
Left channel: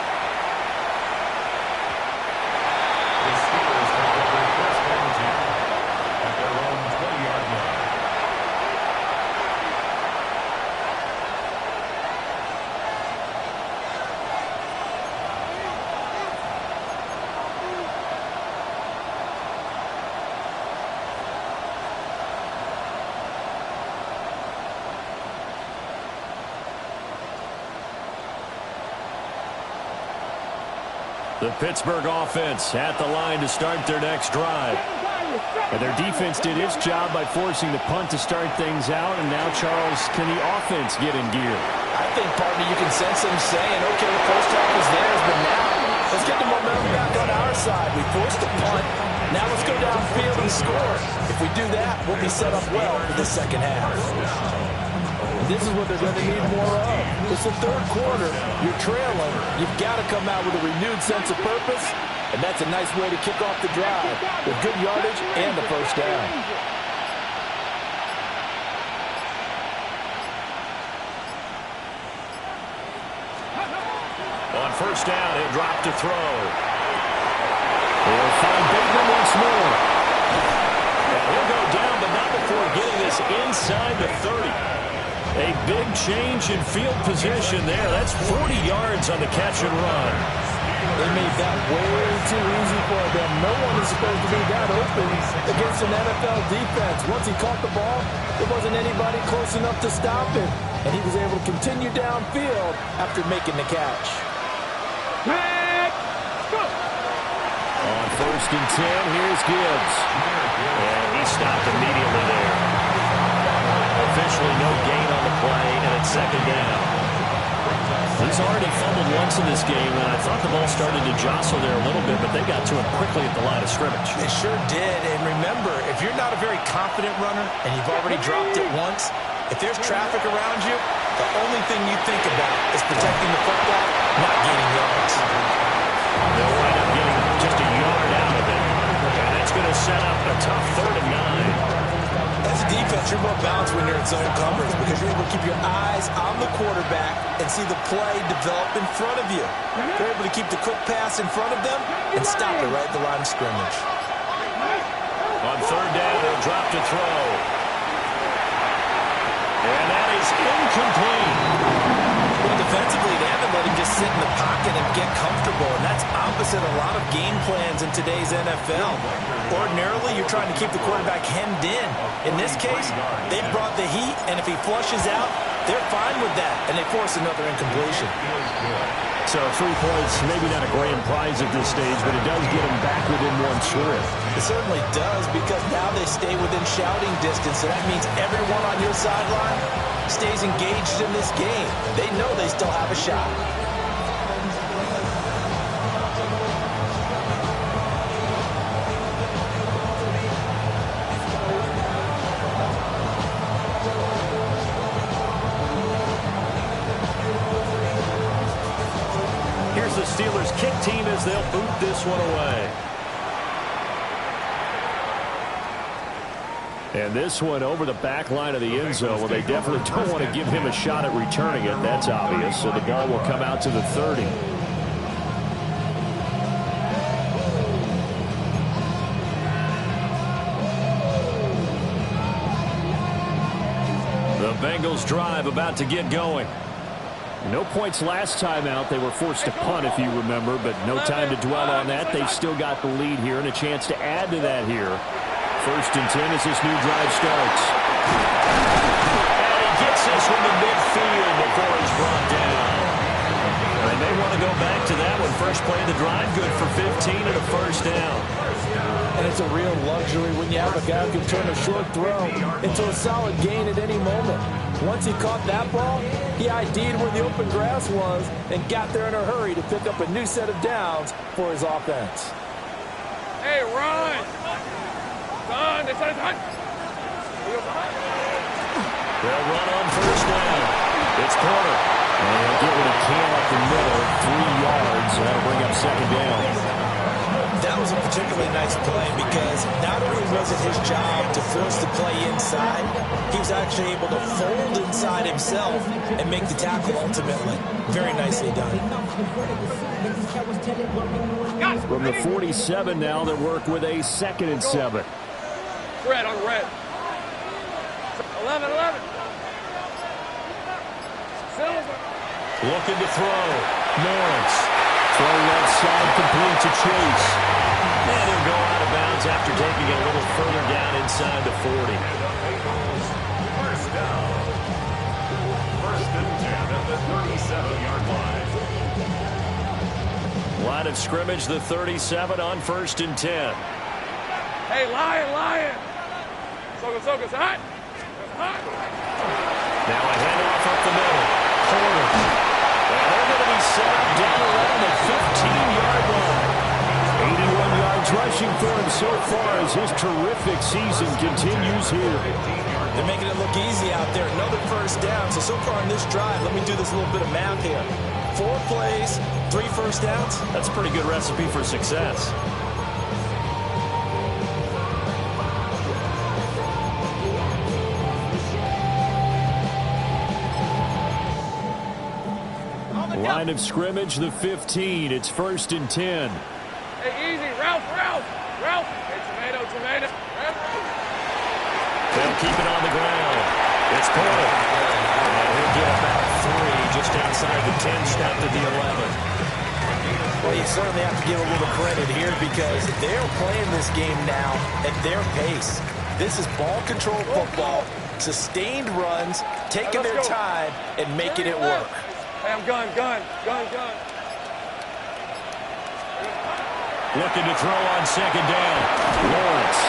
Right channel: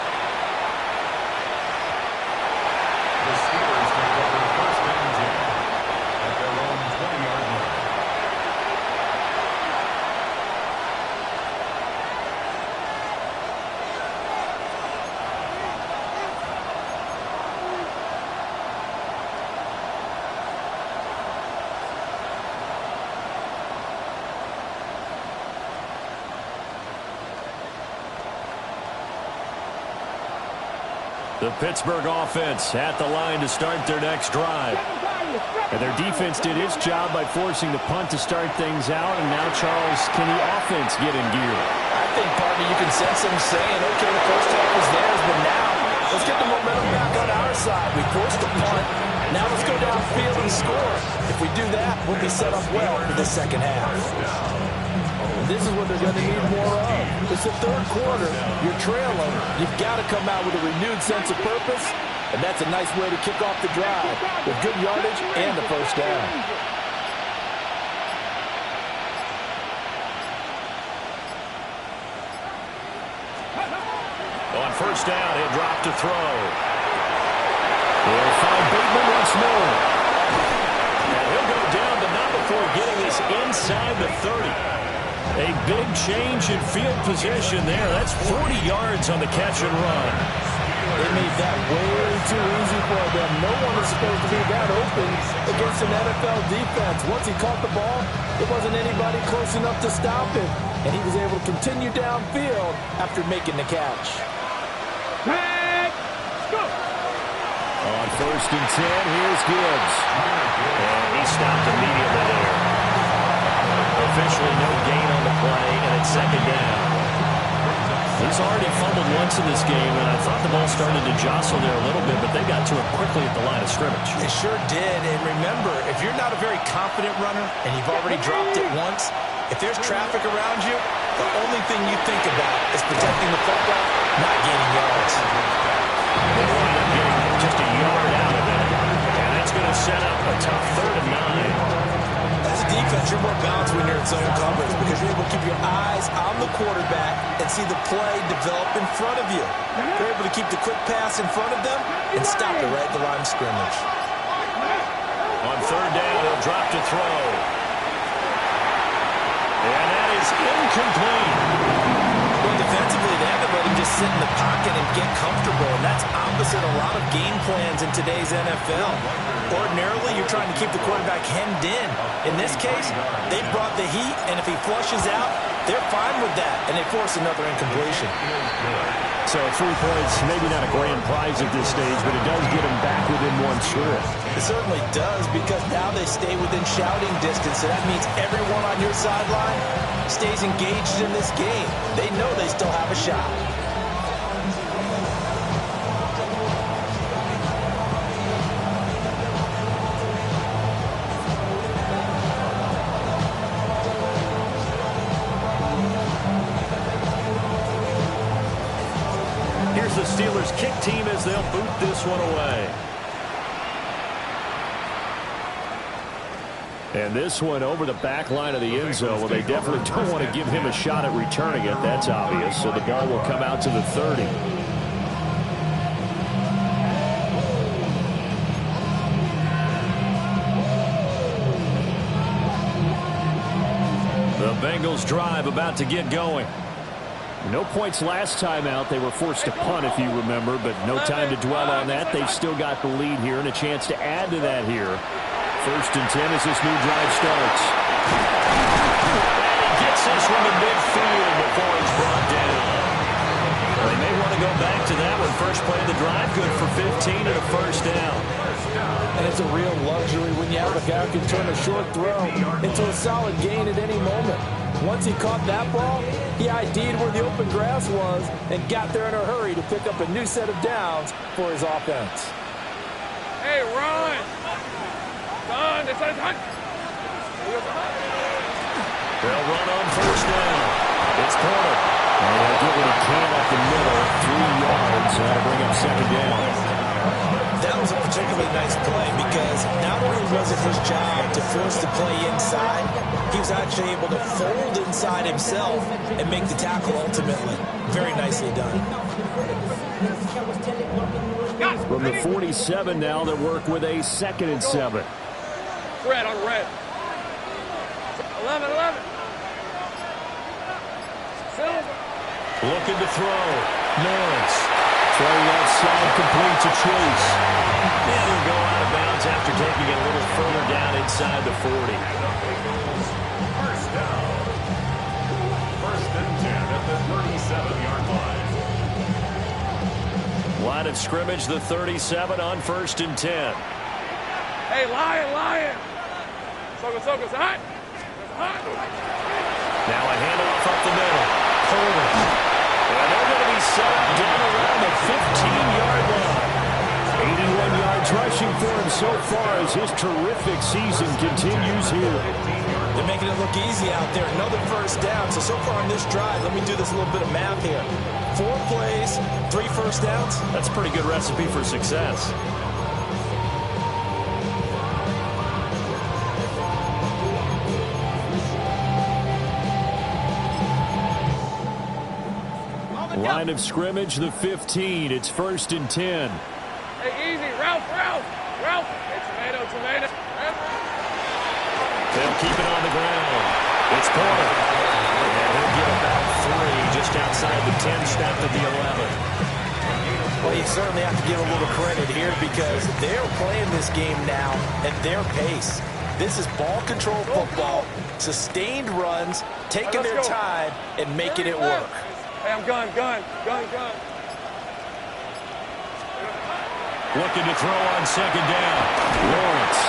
The Steelers take over 1st and 10 at their own 20-yard line. The Pittsburgh offense at the line to start their next drive. And their defense did its job by forcing the punt to start things out. And now, Charles, can the offense get in gear? I think, partner, you can sense them saying, okay, the first half is theirs, but now let's get the momentum back on our side. We forced the punt. Now let's go downfield and score. If we do that, we'll be set up well for the second half. This is what they're going to need more of. It's the 3rd quarter. You're trailing. You've got to come out with a renewed sense of purpose And that's a nice way to kick off the drive with good yardage and a first down. On first down, he'll drop to throw. He'll find Bateman once more. And he'll go down, but not before getting this inside the 30. A big change in field position there. That's 40 yards on the catch and run. They made that way too easy for them. No one is supposed to be that open against an NFL defense. Once he caught the ball, there wasn't anybody close enough to stop him. And he was able to continue downfield after making the catch. On first and 10, here's Gibbs. And he stopped immediately there. Officially no gain on the play, and it's second down. He's already fumbled once in this game, and I thought the ball started to jostle there a little bit, but they got to him quickly at the line of scrimmage. It sure did, and remember, if you're not a very confident runner and you've already dropped it once, if there's traffic around you, the only thing you think about is protecting the football, not gaining yards. They'll wind up getting just a yard out of it, and that's going to set up a tough 3rd and 9. As a defense, you're more balanced when you're in zone coverage because you're able to keep your eyes on the quarterback and see the play develop in front of you. You're able to keep the quick pass in front of them and stop it right at the line of scrimmage. On 3rd down, he'll drop to throw. And that is incomplete. Well, defensively, they haven't let him just sit in the pocket and get comfortable, and that's opposite a lot of game plans in today's NFL. Ordinarily, you're trying to keep the quarterback hemmed in. In this case, they brought the heat, and if he flushes out, they're fine with that, and they force another incompletion. So 3 points, maybe not a grand prize at this stage, but it does get them back within one score. It certainly does, because now they stay within shouting distance, so that means everyone on your sideline stays engaged in this game. They know they still have a shot. Here's the Steelers kick team as they'll boot this one away. And this one over the back line of the end zone. Well, they definitely don't want to give him a shot at returning it. That's obvious. So the ball will come out to the 30. The Bengals drive about to get going. No points last time out. They were forced to punt, if you remember, but no time to dwell on that. They've still got the lead here and a chance to add to that here. 1st and 10 as this new drive starts. And he gets this from the midfield before he's brought down. They may want to go back to that one. First play of the drive, good for 15 and a first down. And it's a real luxury when you have a guy who can turn a short throw into a solid gain at any moment. Once he caught that ball, he ID'd where the open grass was and got there in a hurry to pick up a new set of downs for his offense. Hey, run! Done. They'll run on first down. It's Porter. And he'll get what he can up the middle, 3 yards. That'll bring up second down. That was a particularly nice play because not only was it his job to force the play inside, he was actually able to fold inside himself and make the tackle ultimately. Very nicely done. From the 47 now, they work with a 2nd and 7. Red on red. 11. Silver. Looking to throw. Lawrence. Throw left side complete to Chase. And he'll go out of bounds after taking it a little further down inside the 40. First down. 1st and 10 at the 37-yard line. Line of scrimmage, the 37 on 1st and 10. Hey, Lion. Soga's hot. Now a handoff up the middle. Porter. And they're going to be set up down around the 15-yard line. 81 yards rushing for him so far as his terrific season continues here. They're making it look easy out there. Another first down. So far on this drive, let me do this little bit of math here. 4 plays, 3 first downs. That's a pretty good recipe for success. Line of scrimmage, the 15. It's 1st and 10. Hey, easy. Ralph. Hey, tomato. They'll keep it on the ground. It's Porter. And he'll get about 3 just outside the 10, stopped at the 11. Well, you certainly have to give a little credit here because they're playing this game now at their pace. This is ball control football, sustained runs, taking their time and making it work. Hey, I'm gun. Looking to throw on 2nd down. Lawrence.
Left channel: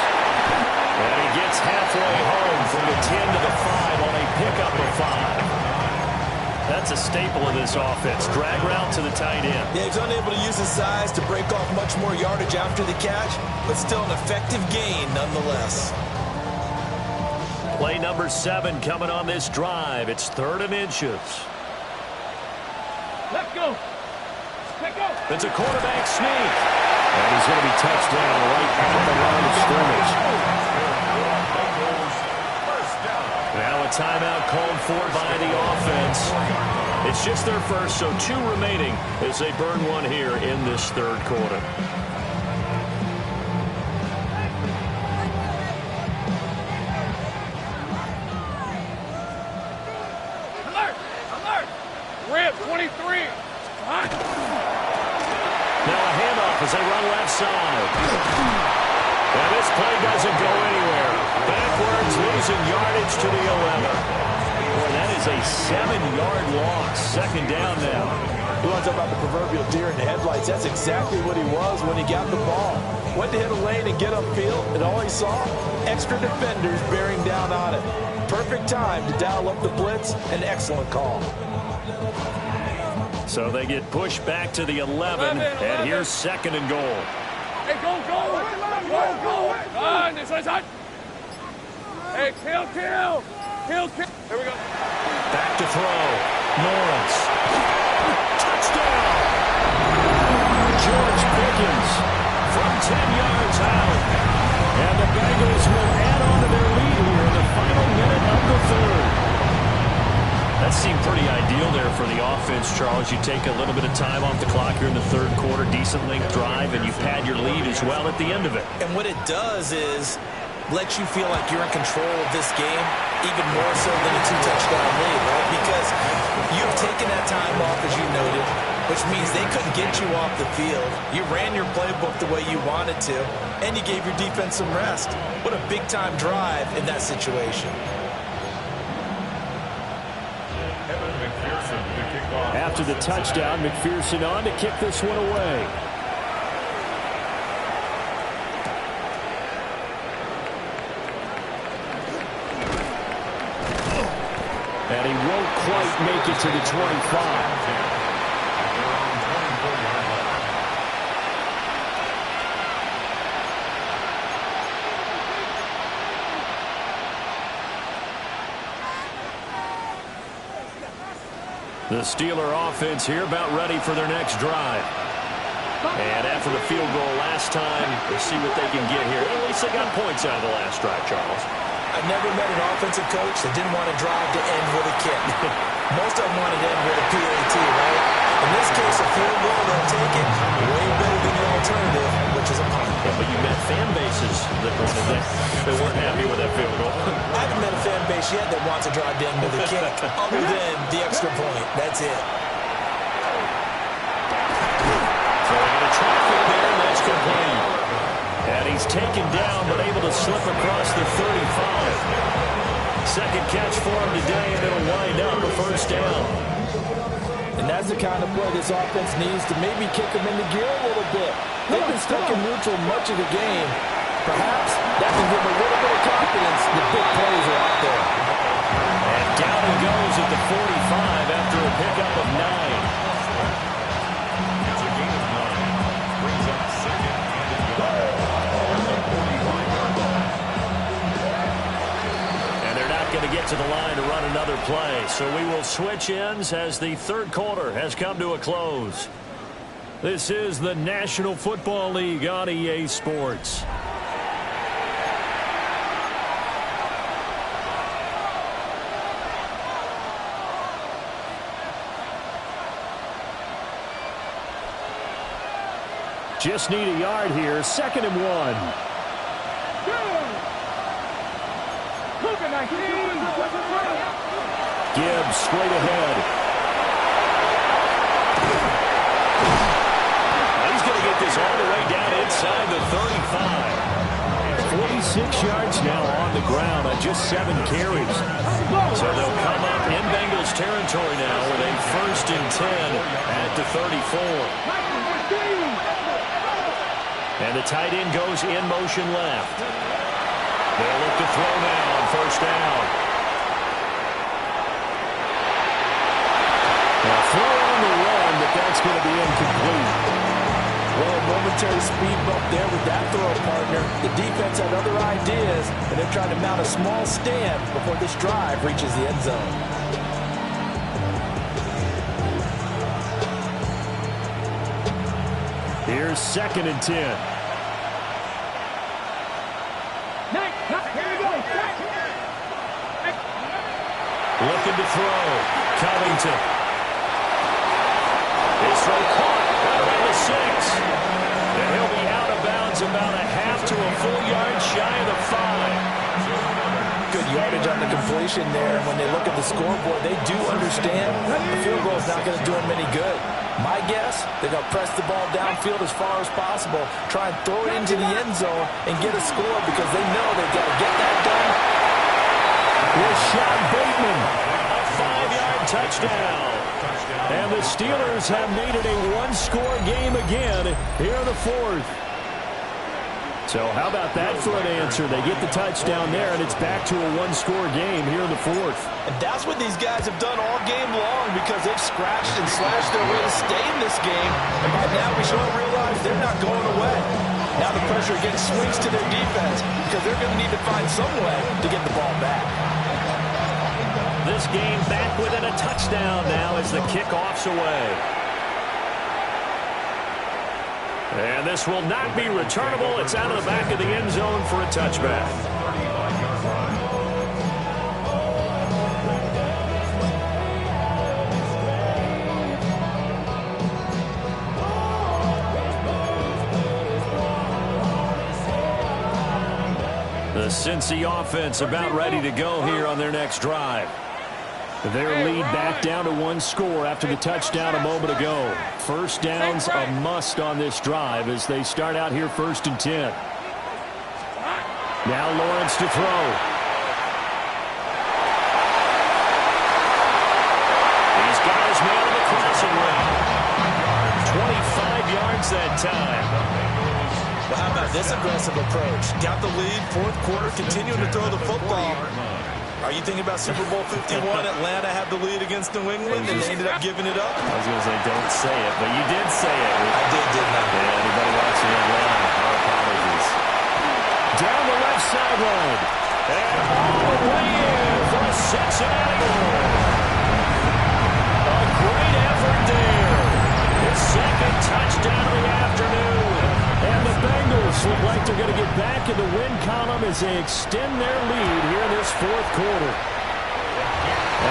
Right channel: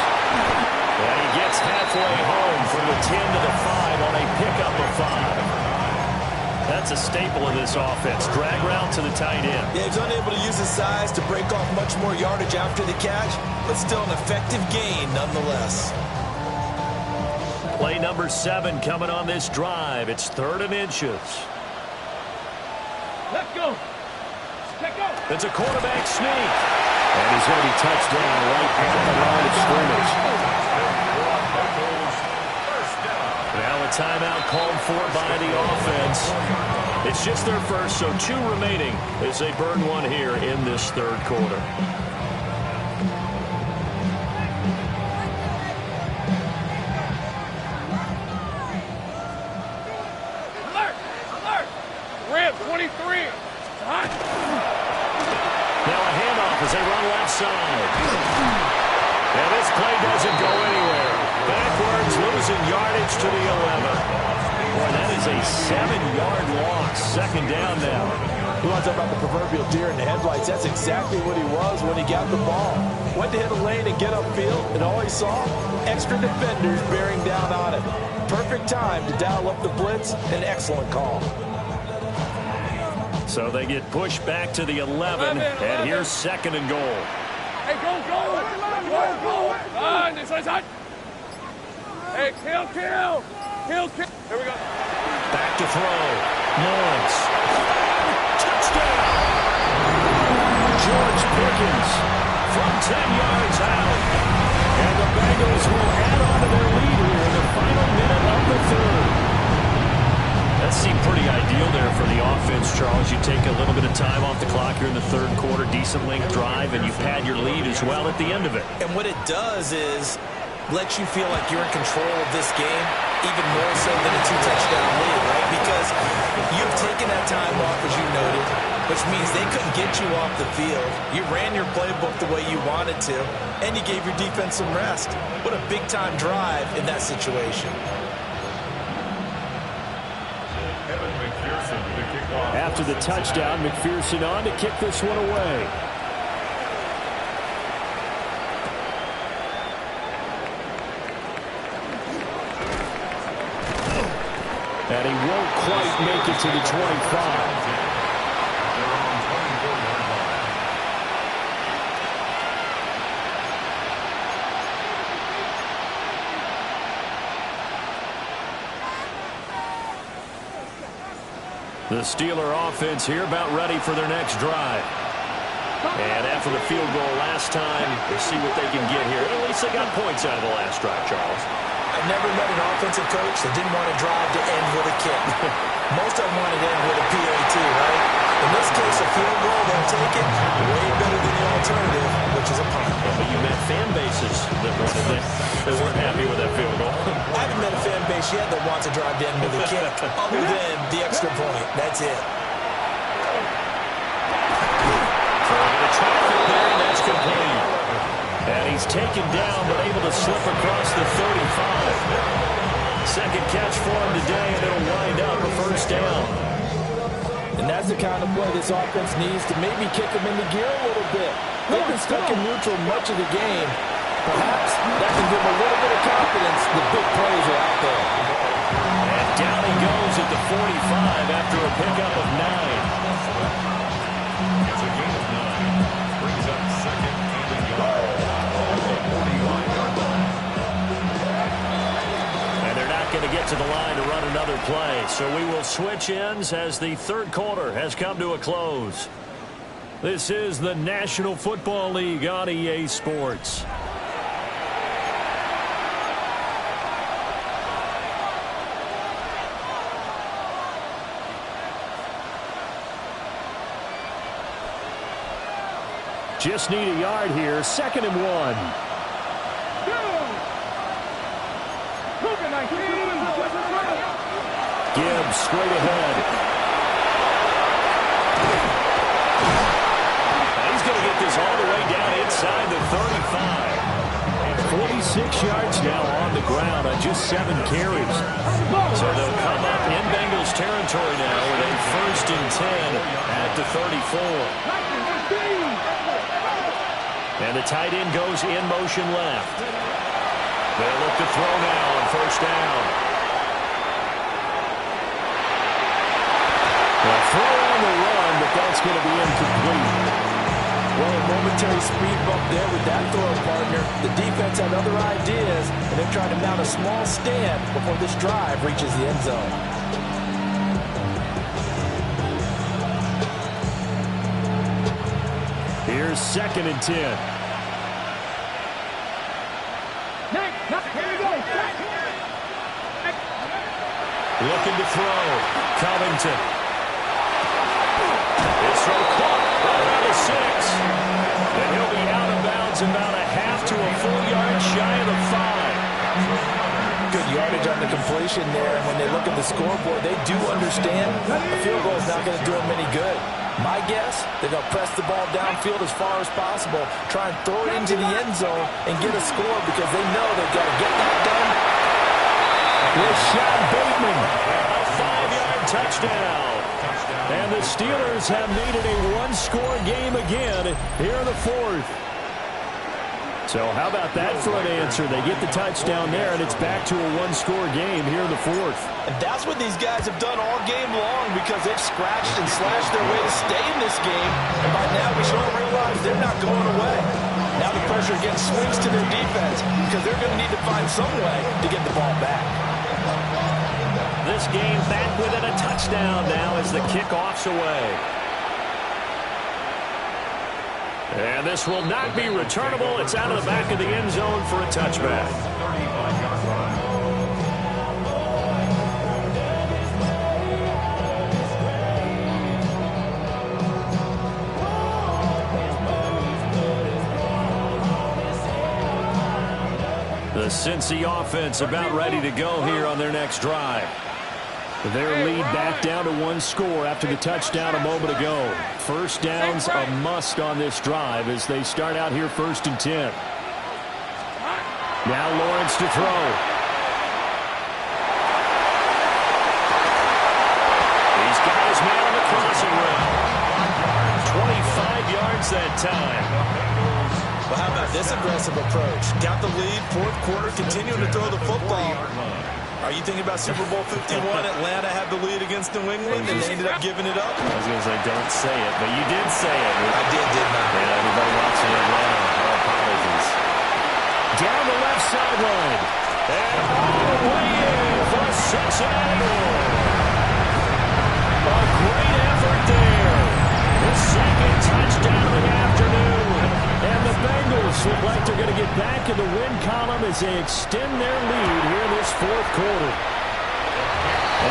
And he gets halfway home from the 10 to the 5 on a pickup of 5. That's a staple of this offense. Drag route to the tight end. Yeah, he's unable to use his size to break off much more yardage after the catch, but still an effective gain nonetheless. Play number 7 coming on this drive. It's 3rd and inches. Let's go. It's a quarterback sneak. And he's going to be touched down right at the line of scrimmage. Now a timeout called for by the offense. It's just their first, so 2 remaining as they burn 1 here in this 3rd quarter. Alert. Rib, 23. Hot. Now a handoff as they run left side. And this play doesn't go anywhere. Backwards, losing yardage to the 11. Boy, that is a 7-yard loss. 2nd down now. You want to talk about the proverbial deer in the headlights? That's exactly what he was when he got the ball. Went to hit a lane and get upfield, and all he saw, extra defenders bearing down on him. Perfect time to dial up the blitz. An excellent call. So they get pushed back to the 11, and here's 2nd and goal. Hey, go. Run, this one's hot. Hey, kill. Here we go. Back to throw. Lawrence. Touchdown! George Pickens from 10 yards out. And the Bengals will add on to their lead here in the final minute of the 3rd. That seemed pretty ideal there for the offense, Charles. You take a little bit of time off the clock here in the 3rd quarter, decent length drive, and you pad your lead as well at the end of it. And what it does is let you feel like you're in control of this game, even more so than a 2-touchdown lead, right? Because you've taken that time off, as you noted, which means they couldn't get you off the field. You ran your playbook the way you wanted to, and you gave your defense some rest. What a big-time drive in that situation. After the touchdown, McPherson on to kick this one away. And he won't quite make it to the 25. The Steeler offense here about ready for their next drive. And after the field goal last time, we'll see what they can get here. At least they got points out of the last drive, Charles. I've never met an offensive coach that didn't want to drive to end with a kick. Most of them wanted to end with a PAT, right? In this case, a field goal, they'll take it. Way better than the alternative, which is a punt. Yeah, but you met fan bases that wanted that. They weren't happy with that field goal. I haven't met a fan base yet that wants to drive to end with a kick, other than the extra point. That's it. Throwing into traffic there, and that's complete. And he's taken down, but able to slip across the 35. Second catch for him today, and it'll wind up a 1st down. And that's the kind of play this offense needs to maybe kick them into gear a little bit. They've been stuck in neutral much of the game. Perhaps that can give them a little bit of confidence. The big plays are out there. And down he goes at the 45 after a pickup of 9. It's a gain of 9. Brings up 2nd and a yard. At the 45-yard line. And they're not going going to get to the line to run another play. So we will switch ends as the third quarter has come to a close. This is the National Football League on EA Sports. Just need a yard here. 2nd and 1. Gibbs straight ahead. He's going to get this all the way down inside the 35. 46 yards now on the ground on just 7 carries. So they'll come up in Bengals territory now with a 1st and 10 at the 34. And the tight end goes in motion left. They'll look to throw now on 1st down. A throw on the run, but that's going to be incomplete. Well, a momentary speed bump there with that throw, partner. The defense had other ideas, and they're trying to mount a small stand before this drive reaches the end zone. Here's 2nd and 10. Looking to throw. Covington. His throw caught right around the 6. And he'll be out of bounds about a half to a full yard shy of the 5. Good yardage on the completion there. And when they look at the scoreboard, they do understand a field goal is not going to do them any good. My guess, they're going to press the ball downfield as far as possible, try and throw it into the end zone and get a score because they know they've got to get that done. Rashad Bateman. A 5-yard touchdown. And the Steelers have made it a 1-score game again here in the 4th. So how about that for an answer? They get the touchdown there, and it's back to a 1-score game here in the 4th. And that's what these guys have done all game long because they've scratched and slashed their way to stay in this game. And by now we should all realize they're not going away. Now the pressure again swings to their defense because they're going to need to find some way to get the ball back. This game back within a touchdown now as the kickoff's away. And this will not be returnable. It's out of the back of the end zone for a touchback. 35-yard run. The Cincy offense about ready to go here on their next drive. Their lead back down to 1 score after the touchdown a moment ago. 1st down's a must on this drive as they start out here 1st and 10. Now Lawrence to throw. He's got his man on the crossing route. 25 yards that time. Well, how about this aggressive approach? Got the lead, 4th quarter, continuing to throw the football. Are you thinking about Super Bowl 51? Atlanta had the lead against New England, and they ended up giving it up? I was going to say, don't say it, but you did say it. I didn't I? Yeah, anybody watching Atlanta, our apologies. Down the left sideline. And all the way in for a Cincinnati goal. A great effort there. His 2nd touchdown of the afternoon. And the Bengals look like they're going to get back in the win column as they extend their lead here in this 4th quarter.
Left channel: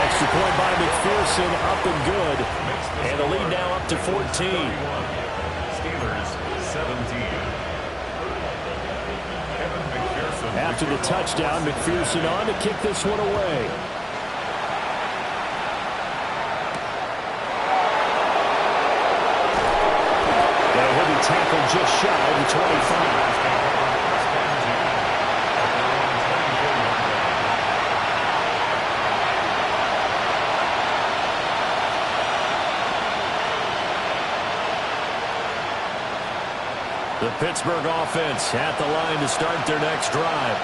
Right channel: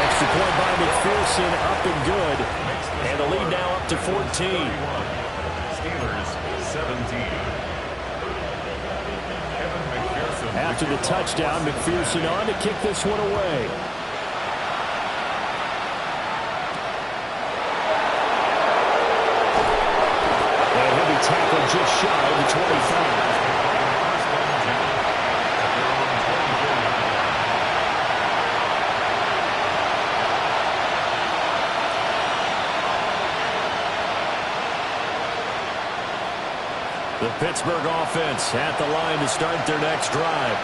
Extra point by McPherson, up and good. And the lead now up to 14. Steelers 17. After the touchdown, McPherson on to kick this one away. And he'll be tackled just shy of the 25. The Pittsburgh offense at the line to start their next drive.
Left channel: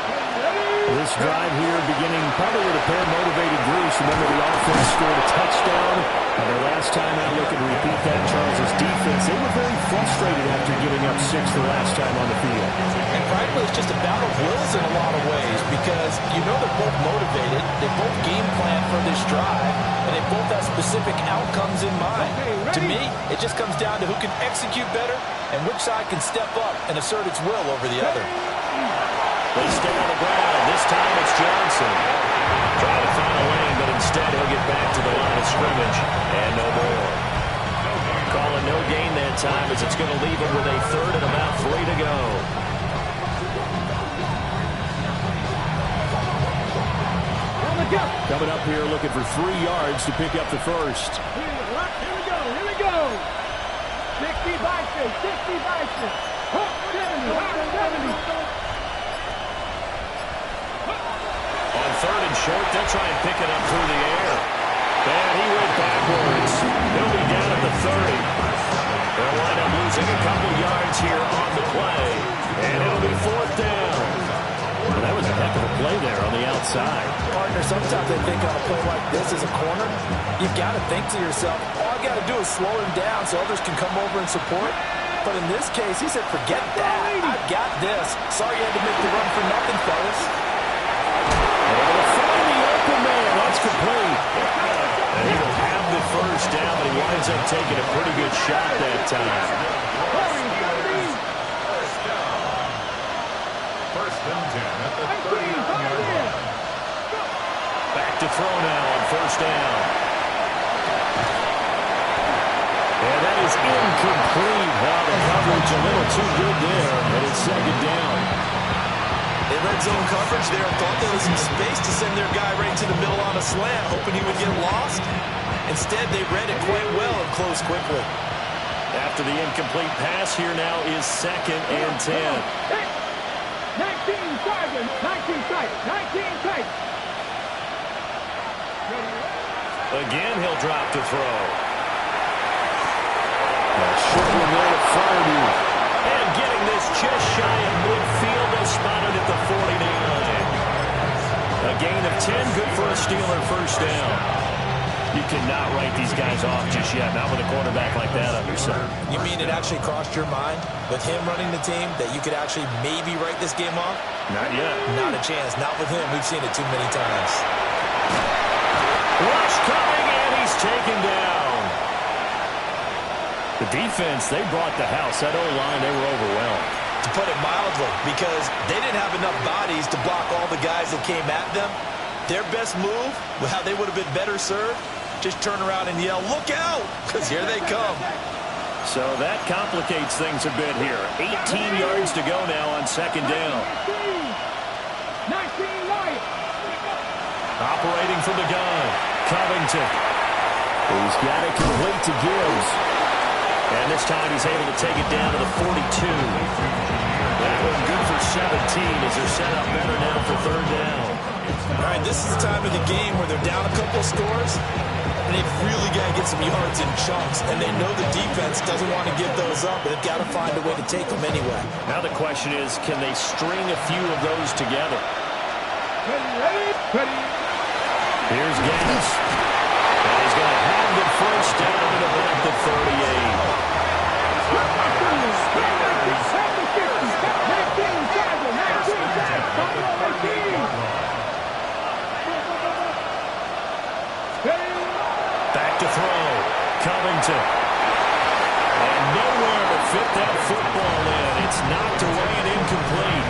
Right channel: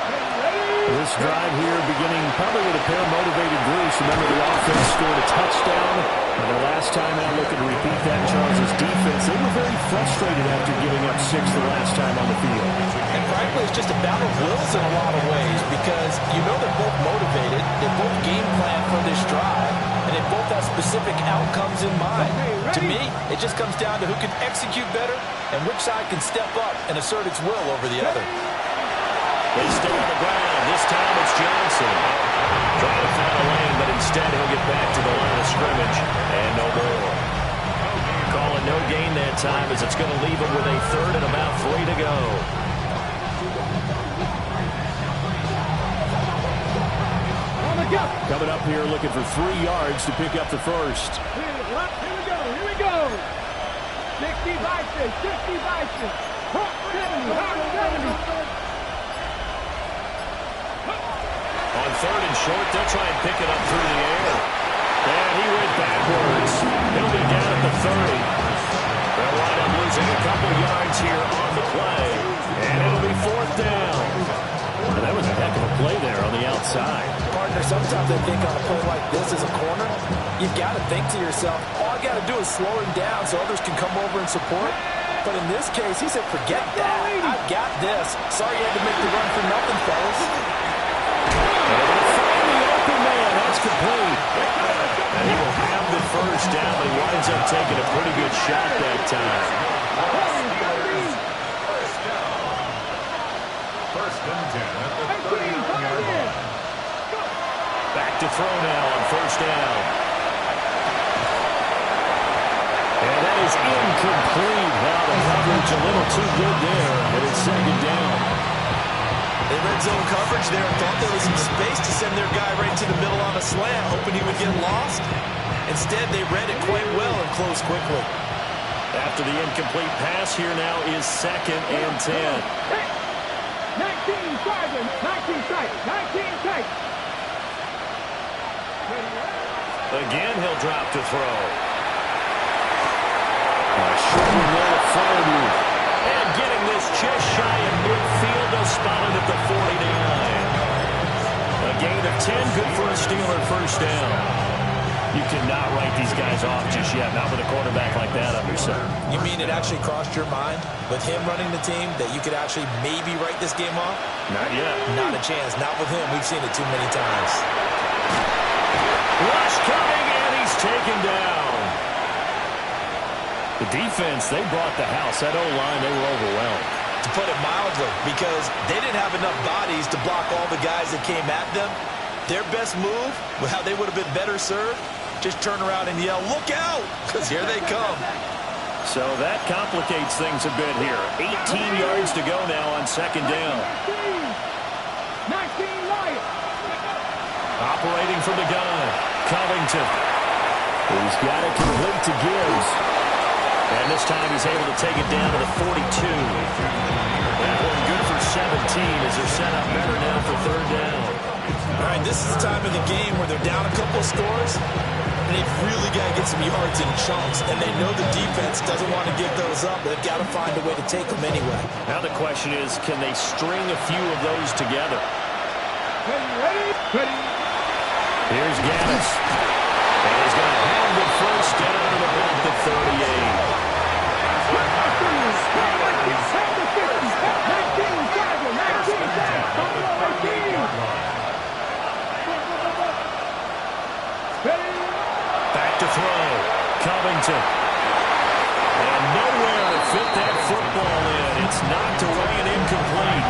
This drive here beginning probably with a pair of motivated groups. Remember, the offense scored a touchdown their last time out. Looking to repeat that. Charles's defense, they were very frustrated after giving up 6 the last time on the field. And frankly, it's just a battle of wills in a lot of ways because you know they're both motivated. They both game plan for this drive, and they both have specific outcomes in mind. To me, it just comes down to who can execute better and which side can step up and assert its will over the other. They stay on the ground. This time it's Johnson. Trying to find a lane, but instead he'll get back to the line of scrimmage. And no more. Calling no gain that time as it's going to leave him with a third and about 3 to go. Coming up here looking for 3 yards to pick up the first. Here we go. 60 by 6, 60 by 6. 70. On third and short, they'll try and pick it up through the air. And he went backwards. He'll be down at the 30. They'll wind up losing a couple yards here on the play. And it'll be 4th down. Well, that was a heck of a play there on the outside. Partner, sometimes I think on a play like this as a corner, you've got to think to yourself, all I got to do is slow him down so others can come over and support. But in this case, he said, forget that. I've got this. Sorry you had to make the run for nothing, fellas. Able to find the open man. That's complete. And he will have the first down, but he winds up taking a pretty good shot that time. First and 10 at the 39-yard line. Back to throw now on first down. And that is incomplete. Wow, the coverage a little too good there. And it's 2nd down. They red zone coverage there and thought there was some space to send their guy right to the middle on a slant, hoping he would get lost. Instead, they read it quite well and closed quickly. After the incomplete pass, here now is 2nd and 10. 19 tight. Again, he'll drop to throw. Short one there to Fryermuth. And getting this just shy of midfield, they'll spot it at the 49. A gain of 10, good for a Steeler first down. You cannot write these guys off just yet, not with a quarterback like that under center. You mean it actually crossed your mind with him running the team that you could actually maybe write this game off? Not yet. Not a chance. Not with him. We've seen it too many times. Rush coming, and he's taken down. The defense, they brought the house. That O-line, they were overwhelmed. To put it mildly, because they didn't have enough bodies to block all the guys that came at them. Their best move, how they would have been better served, just turn around and yell, look out, because here they come. So that complicates things a bit here. 18 yards to go now on 2nd down. 19 Lions. Operating from the gun, Covington. He's got it complete to Gibbs. And this time he's able to take it down to the 42. That one good for 17 as they're set up better now for 3rd down. All right, this is the time of the game where they're down a couple of scores, and they've really got to get some yards in chunks, and they know the defense doesn't want to give those up, but they've got to find a way to take them anyway. Now the question is, can they string a few of those together? Ready. Here's Gaddis. And he's going to have the first down at about the 38. Back to throw. Covington. And nowhere to fit that football in. It's knocked away and incomplete.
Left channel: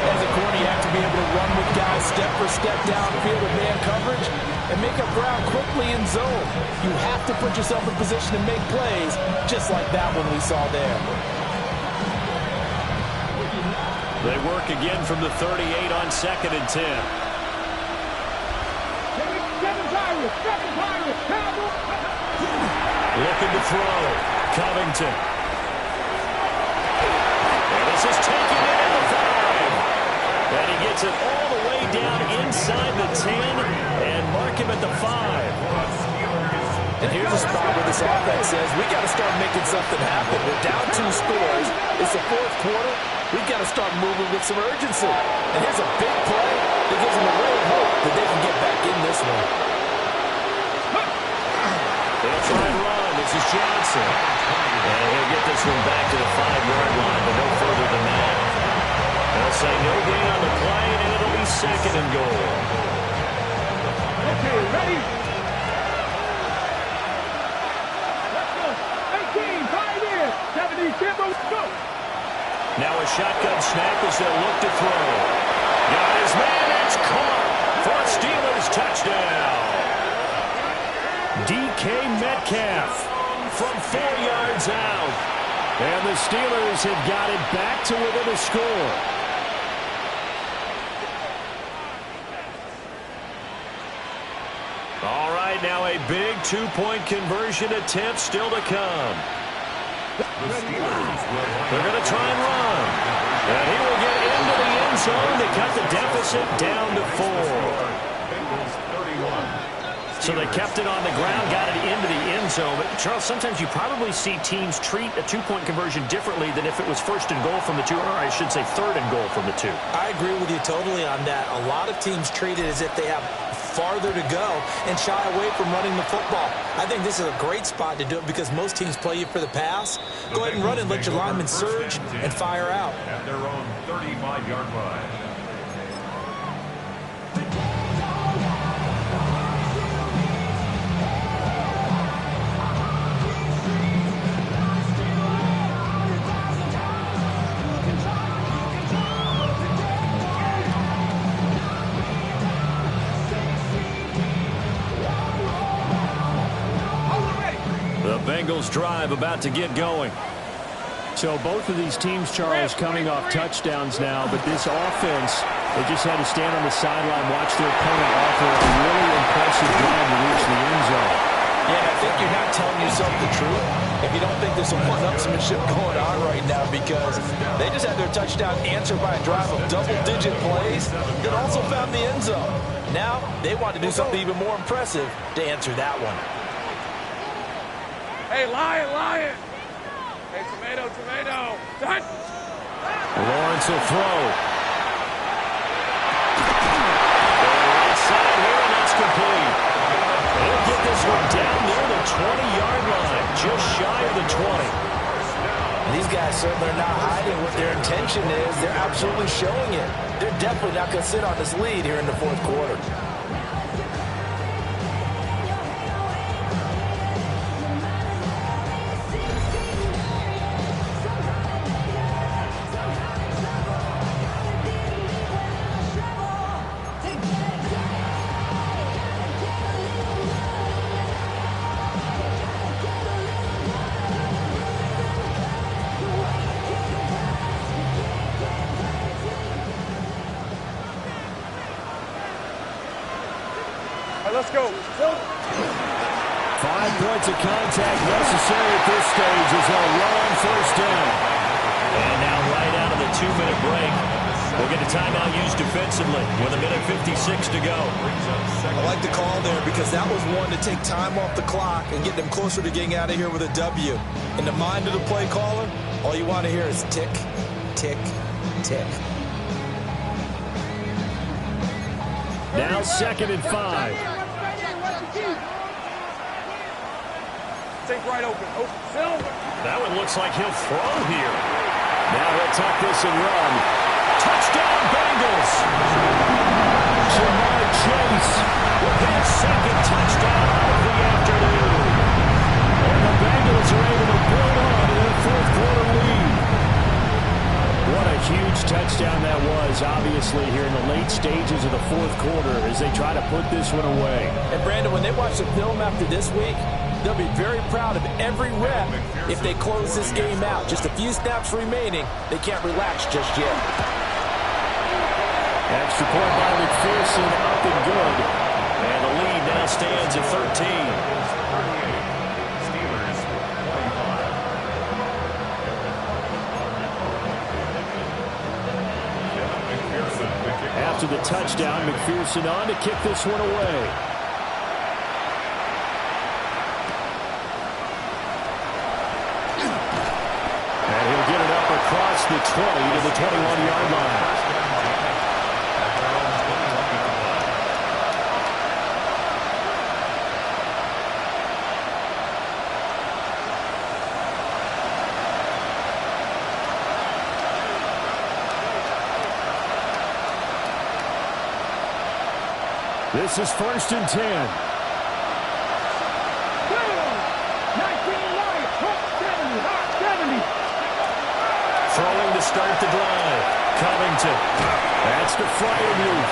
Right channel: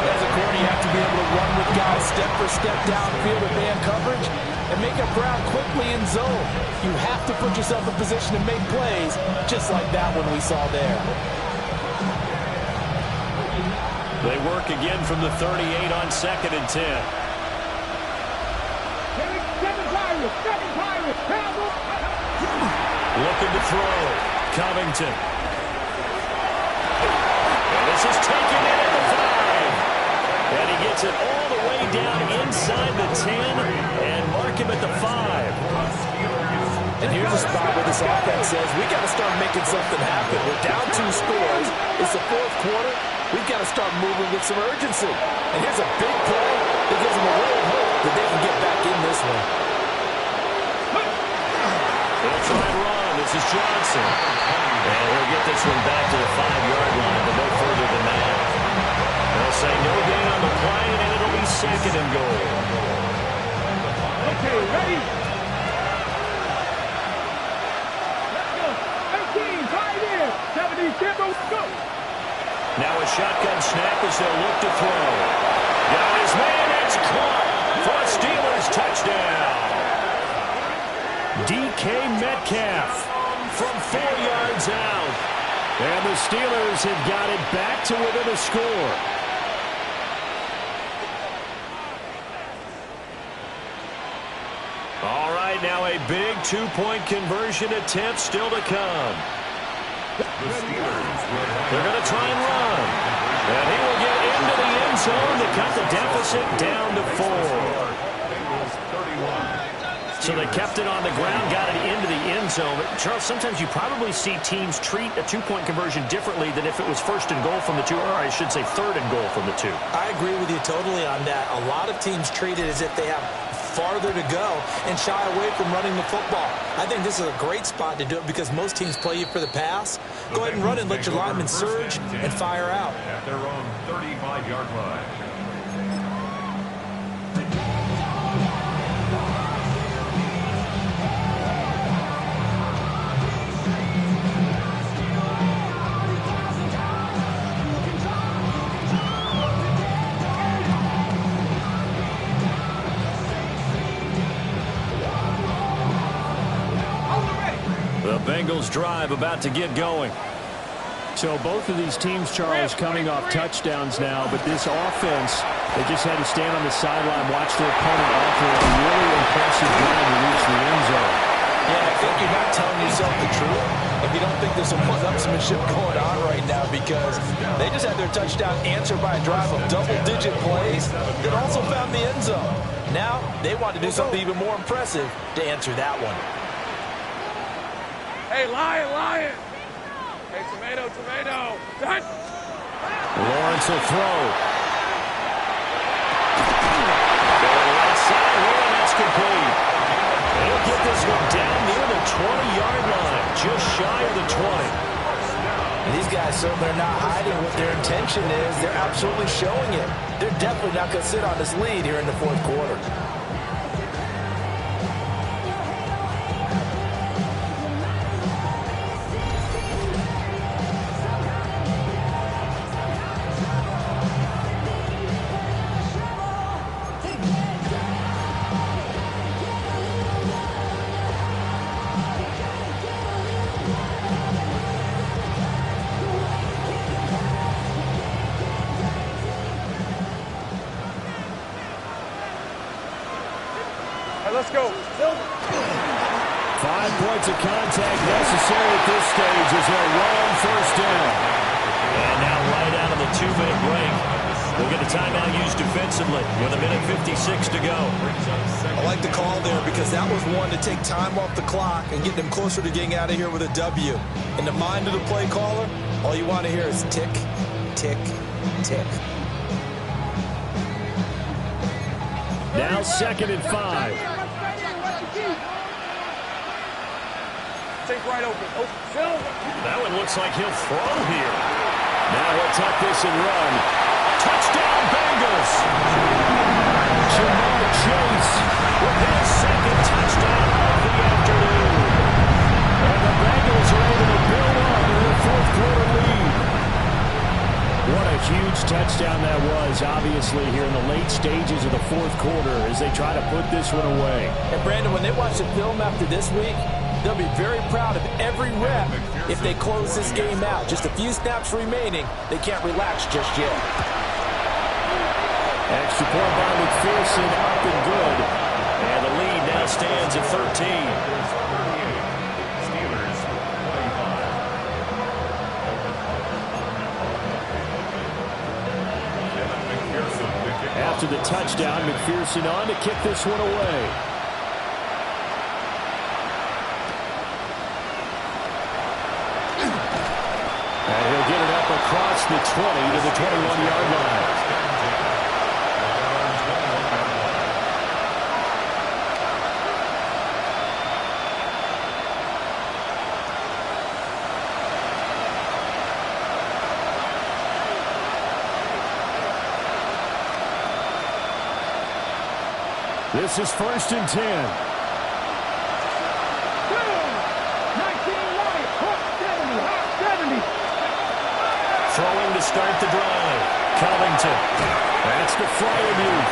As a corner, you have to be able to run with guys step for step downfield in man coverage and make up ground quickly in zone. You have to put yourself in position to make plays, just like that one we saw there. They work again from the 38 on 2nd and 10. Seven Pirates. Looking to throw. Covington. And this is taken in at the 5. And he gets it all the way down inside the 10 and mark him at the 5. And here's a spot where this offense says, we got to start making something happen. We're down 2 scores. It's the 4th quarter. We've got to start moving with some urgency. And here's a big play that gives them a ray of hope that they can get back in this one. They'll try and run. This is Johnson. And he'll get this one back to the 5-yard line, but no further than that. They'll say no gain on the play, and it'll be 2nd and goal. Okay, ready? Let's go. 18, 5 in. 70, Kimbo, go. Now a shotgun snap as they'll look to throw. Got his man. It's caught for a Steelers touchdown. DK Metcalf from 4 yards out. And the Steelers have got it back to within a score. All right, now a big 2-point conversion attempt still to come. They're going to try and run. And he will get into the end zone to cut the deficit down to 4. So they kept it on the ground, got it into the end zone. But, Charles, sometimes you probably see teams treat a 2-point conversion differently than if it was 1st and goal from the 2, or I should say 3rd and goal from the 2. I agree with you totally on that. A lot of teams treat it as if they have farther to go and shy away from running the football. I think this is a great spot to do it because most teams play you for the pass. Go ahead and run and let your linemen surge and fire out. At their own 35-yard line. The Bengals drive about to get going. So both of these teams, Charles, coming off touchdowns now, but this offense, they just had to stand on the sideline, watch their opponent offer a really impressive drive to reach the end zone. Yeah, I think you're not telling yourself the truth if you don't think there's some one-upsmanship going on right now, because they just had their touchdown answered by a drive of double-digit plays that also found the end zone. Now they want to do something even more impressive to answer that one. Hey, lion. Hey, tomato. Done. Lawrence will throw. Going right side here, and that's complete. They'll get this one down near the 20-yard line, just shy of the 20. And these guys certainly are not hiding what their intention is. They're absolutely showing it. They're definitely not going to sit on this lead here in the 4th quarter. Let's go. 5 points of contact necessary at this stage as they'll run on 1st down. And now right out of the 2-minute break, we'll get a timeout used defensively with 1:56 to go. I like the call there because that was one to take time off the clock and get them closer to getting out of here with a W. In the mind of the play caller, all you want to hear is tick, tick, tick. Now 2nd and 5. Think right open. Silver. That one looks like he'll throw here. Now he'll tuck this and run. Touchdown, Bengals! Jamar Chase with his 2nd touchdown of the afternoon. And the Bengals are able to build on to their 4th quarter lead. What a huge touchdown that was, obviously, here in the late stages of the 4th quarter as they try to put this one away. And, Brandon, when they watch the film after this week, they'll be very proud of every rep if they close this game out. Just a few snaps remaining. They can't relax just yet. Extra point by McPherson, up and good. And the lead now stands at 13. After the touchdown, McPherson on to kick this one away. And he'll get it up across the 20 to the 21-yard line. At their own 21-yard line. This is 1st and 10. 19 right, hot 70, hot 70. Throwing to start the drive. Covington. That's to Fryermuth.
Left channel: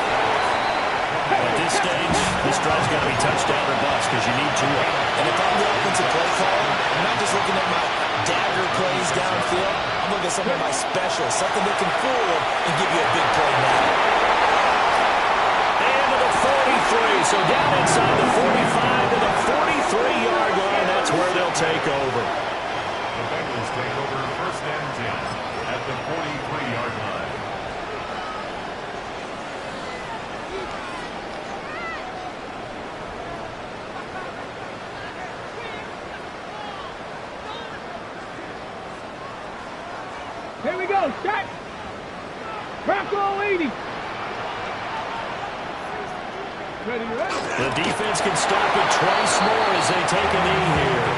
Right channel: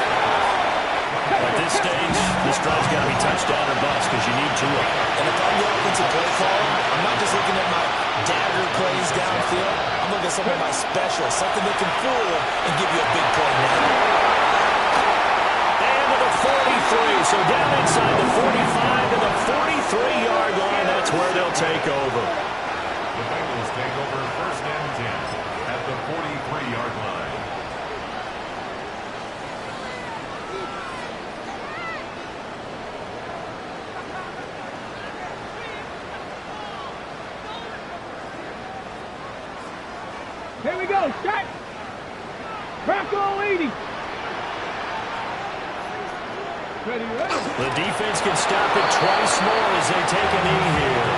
At this stage, this drive's got to be touchdown or bust because you need 2 of them. And if I'm the offensive play caller, I'm not just looking at my dagger plays downfield. I'm looking at some of my specials, something that can fool them and give you a big play now. 43, so down inside the 45 to the 43-yard line. That's where they'll take over. The Bengals take over 1st and 10 at the 43-yard line. Here we go, set. Rocco 80. Ready, ready. The defense can stop it twice more as they take a knee here.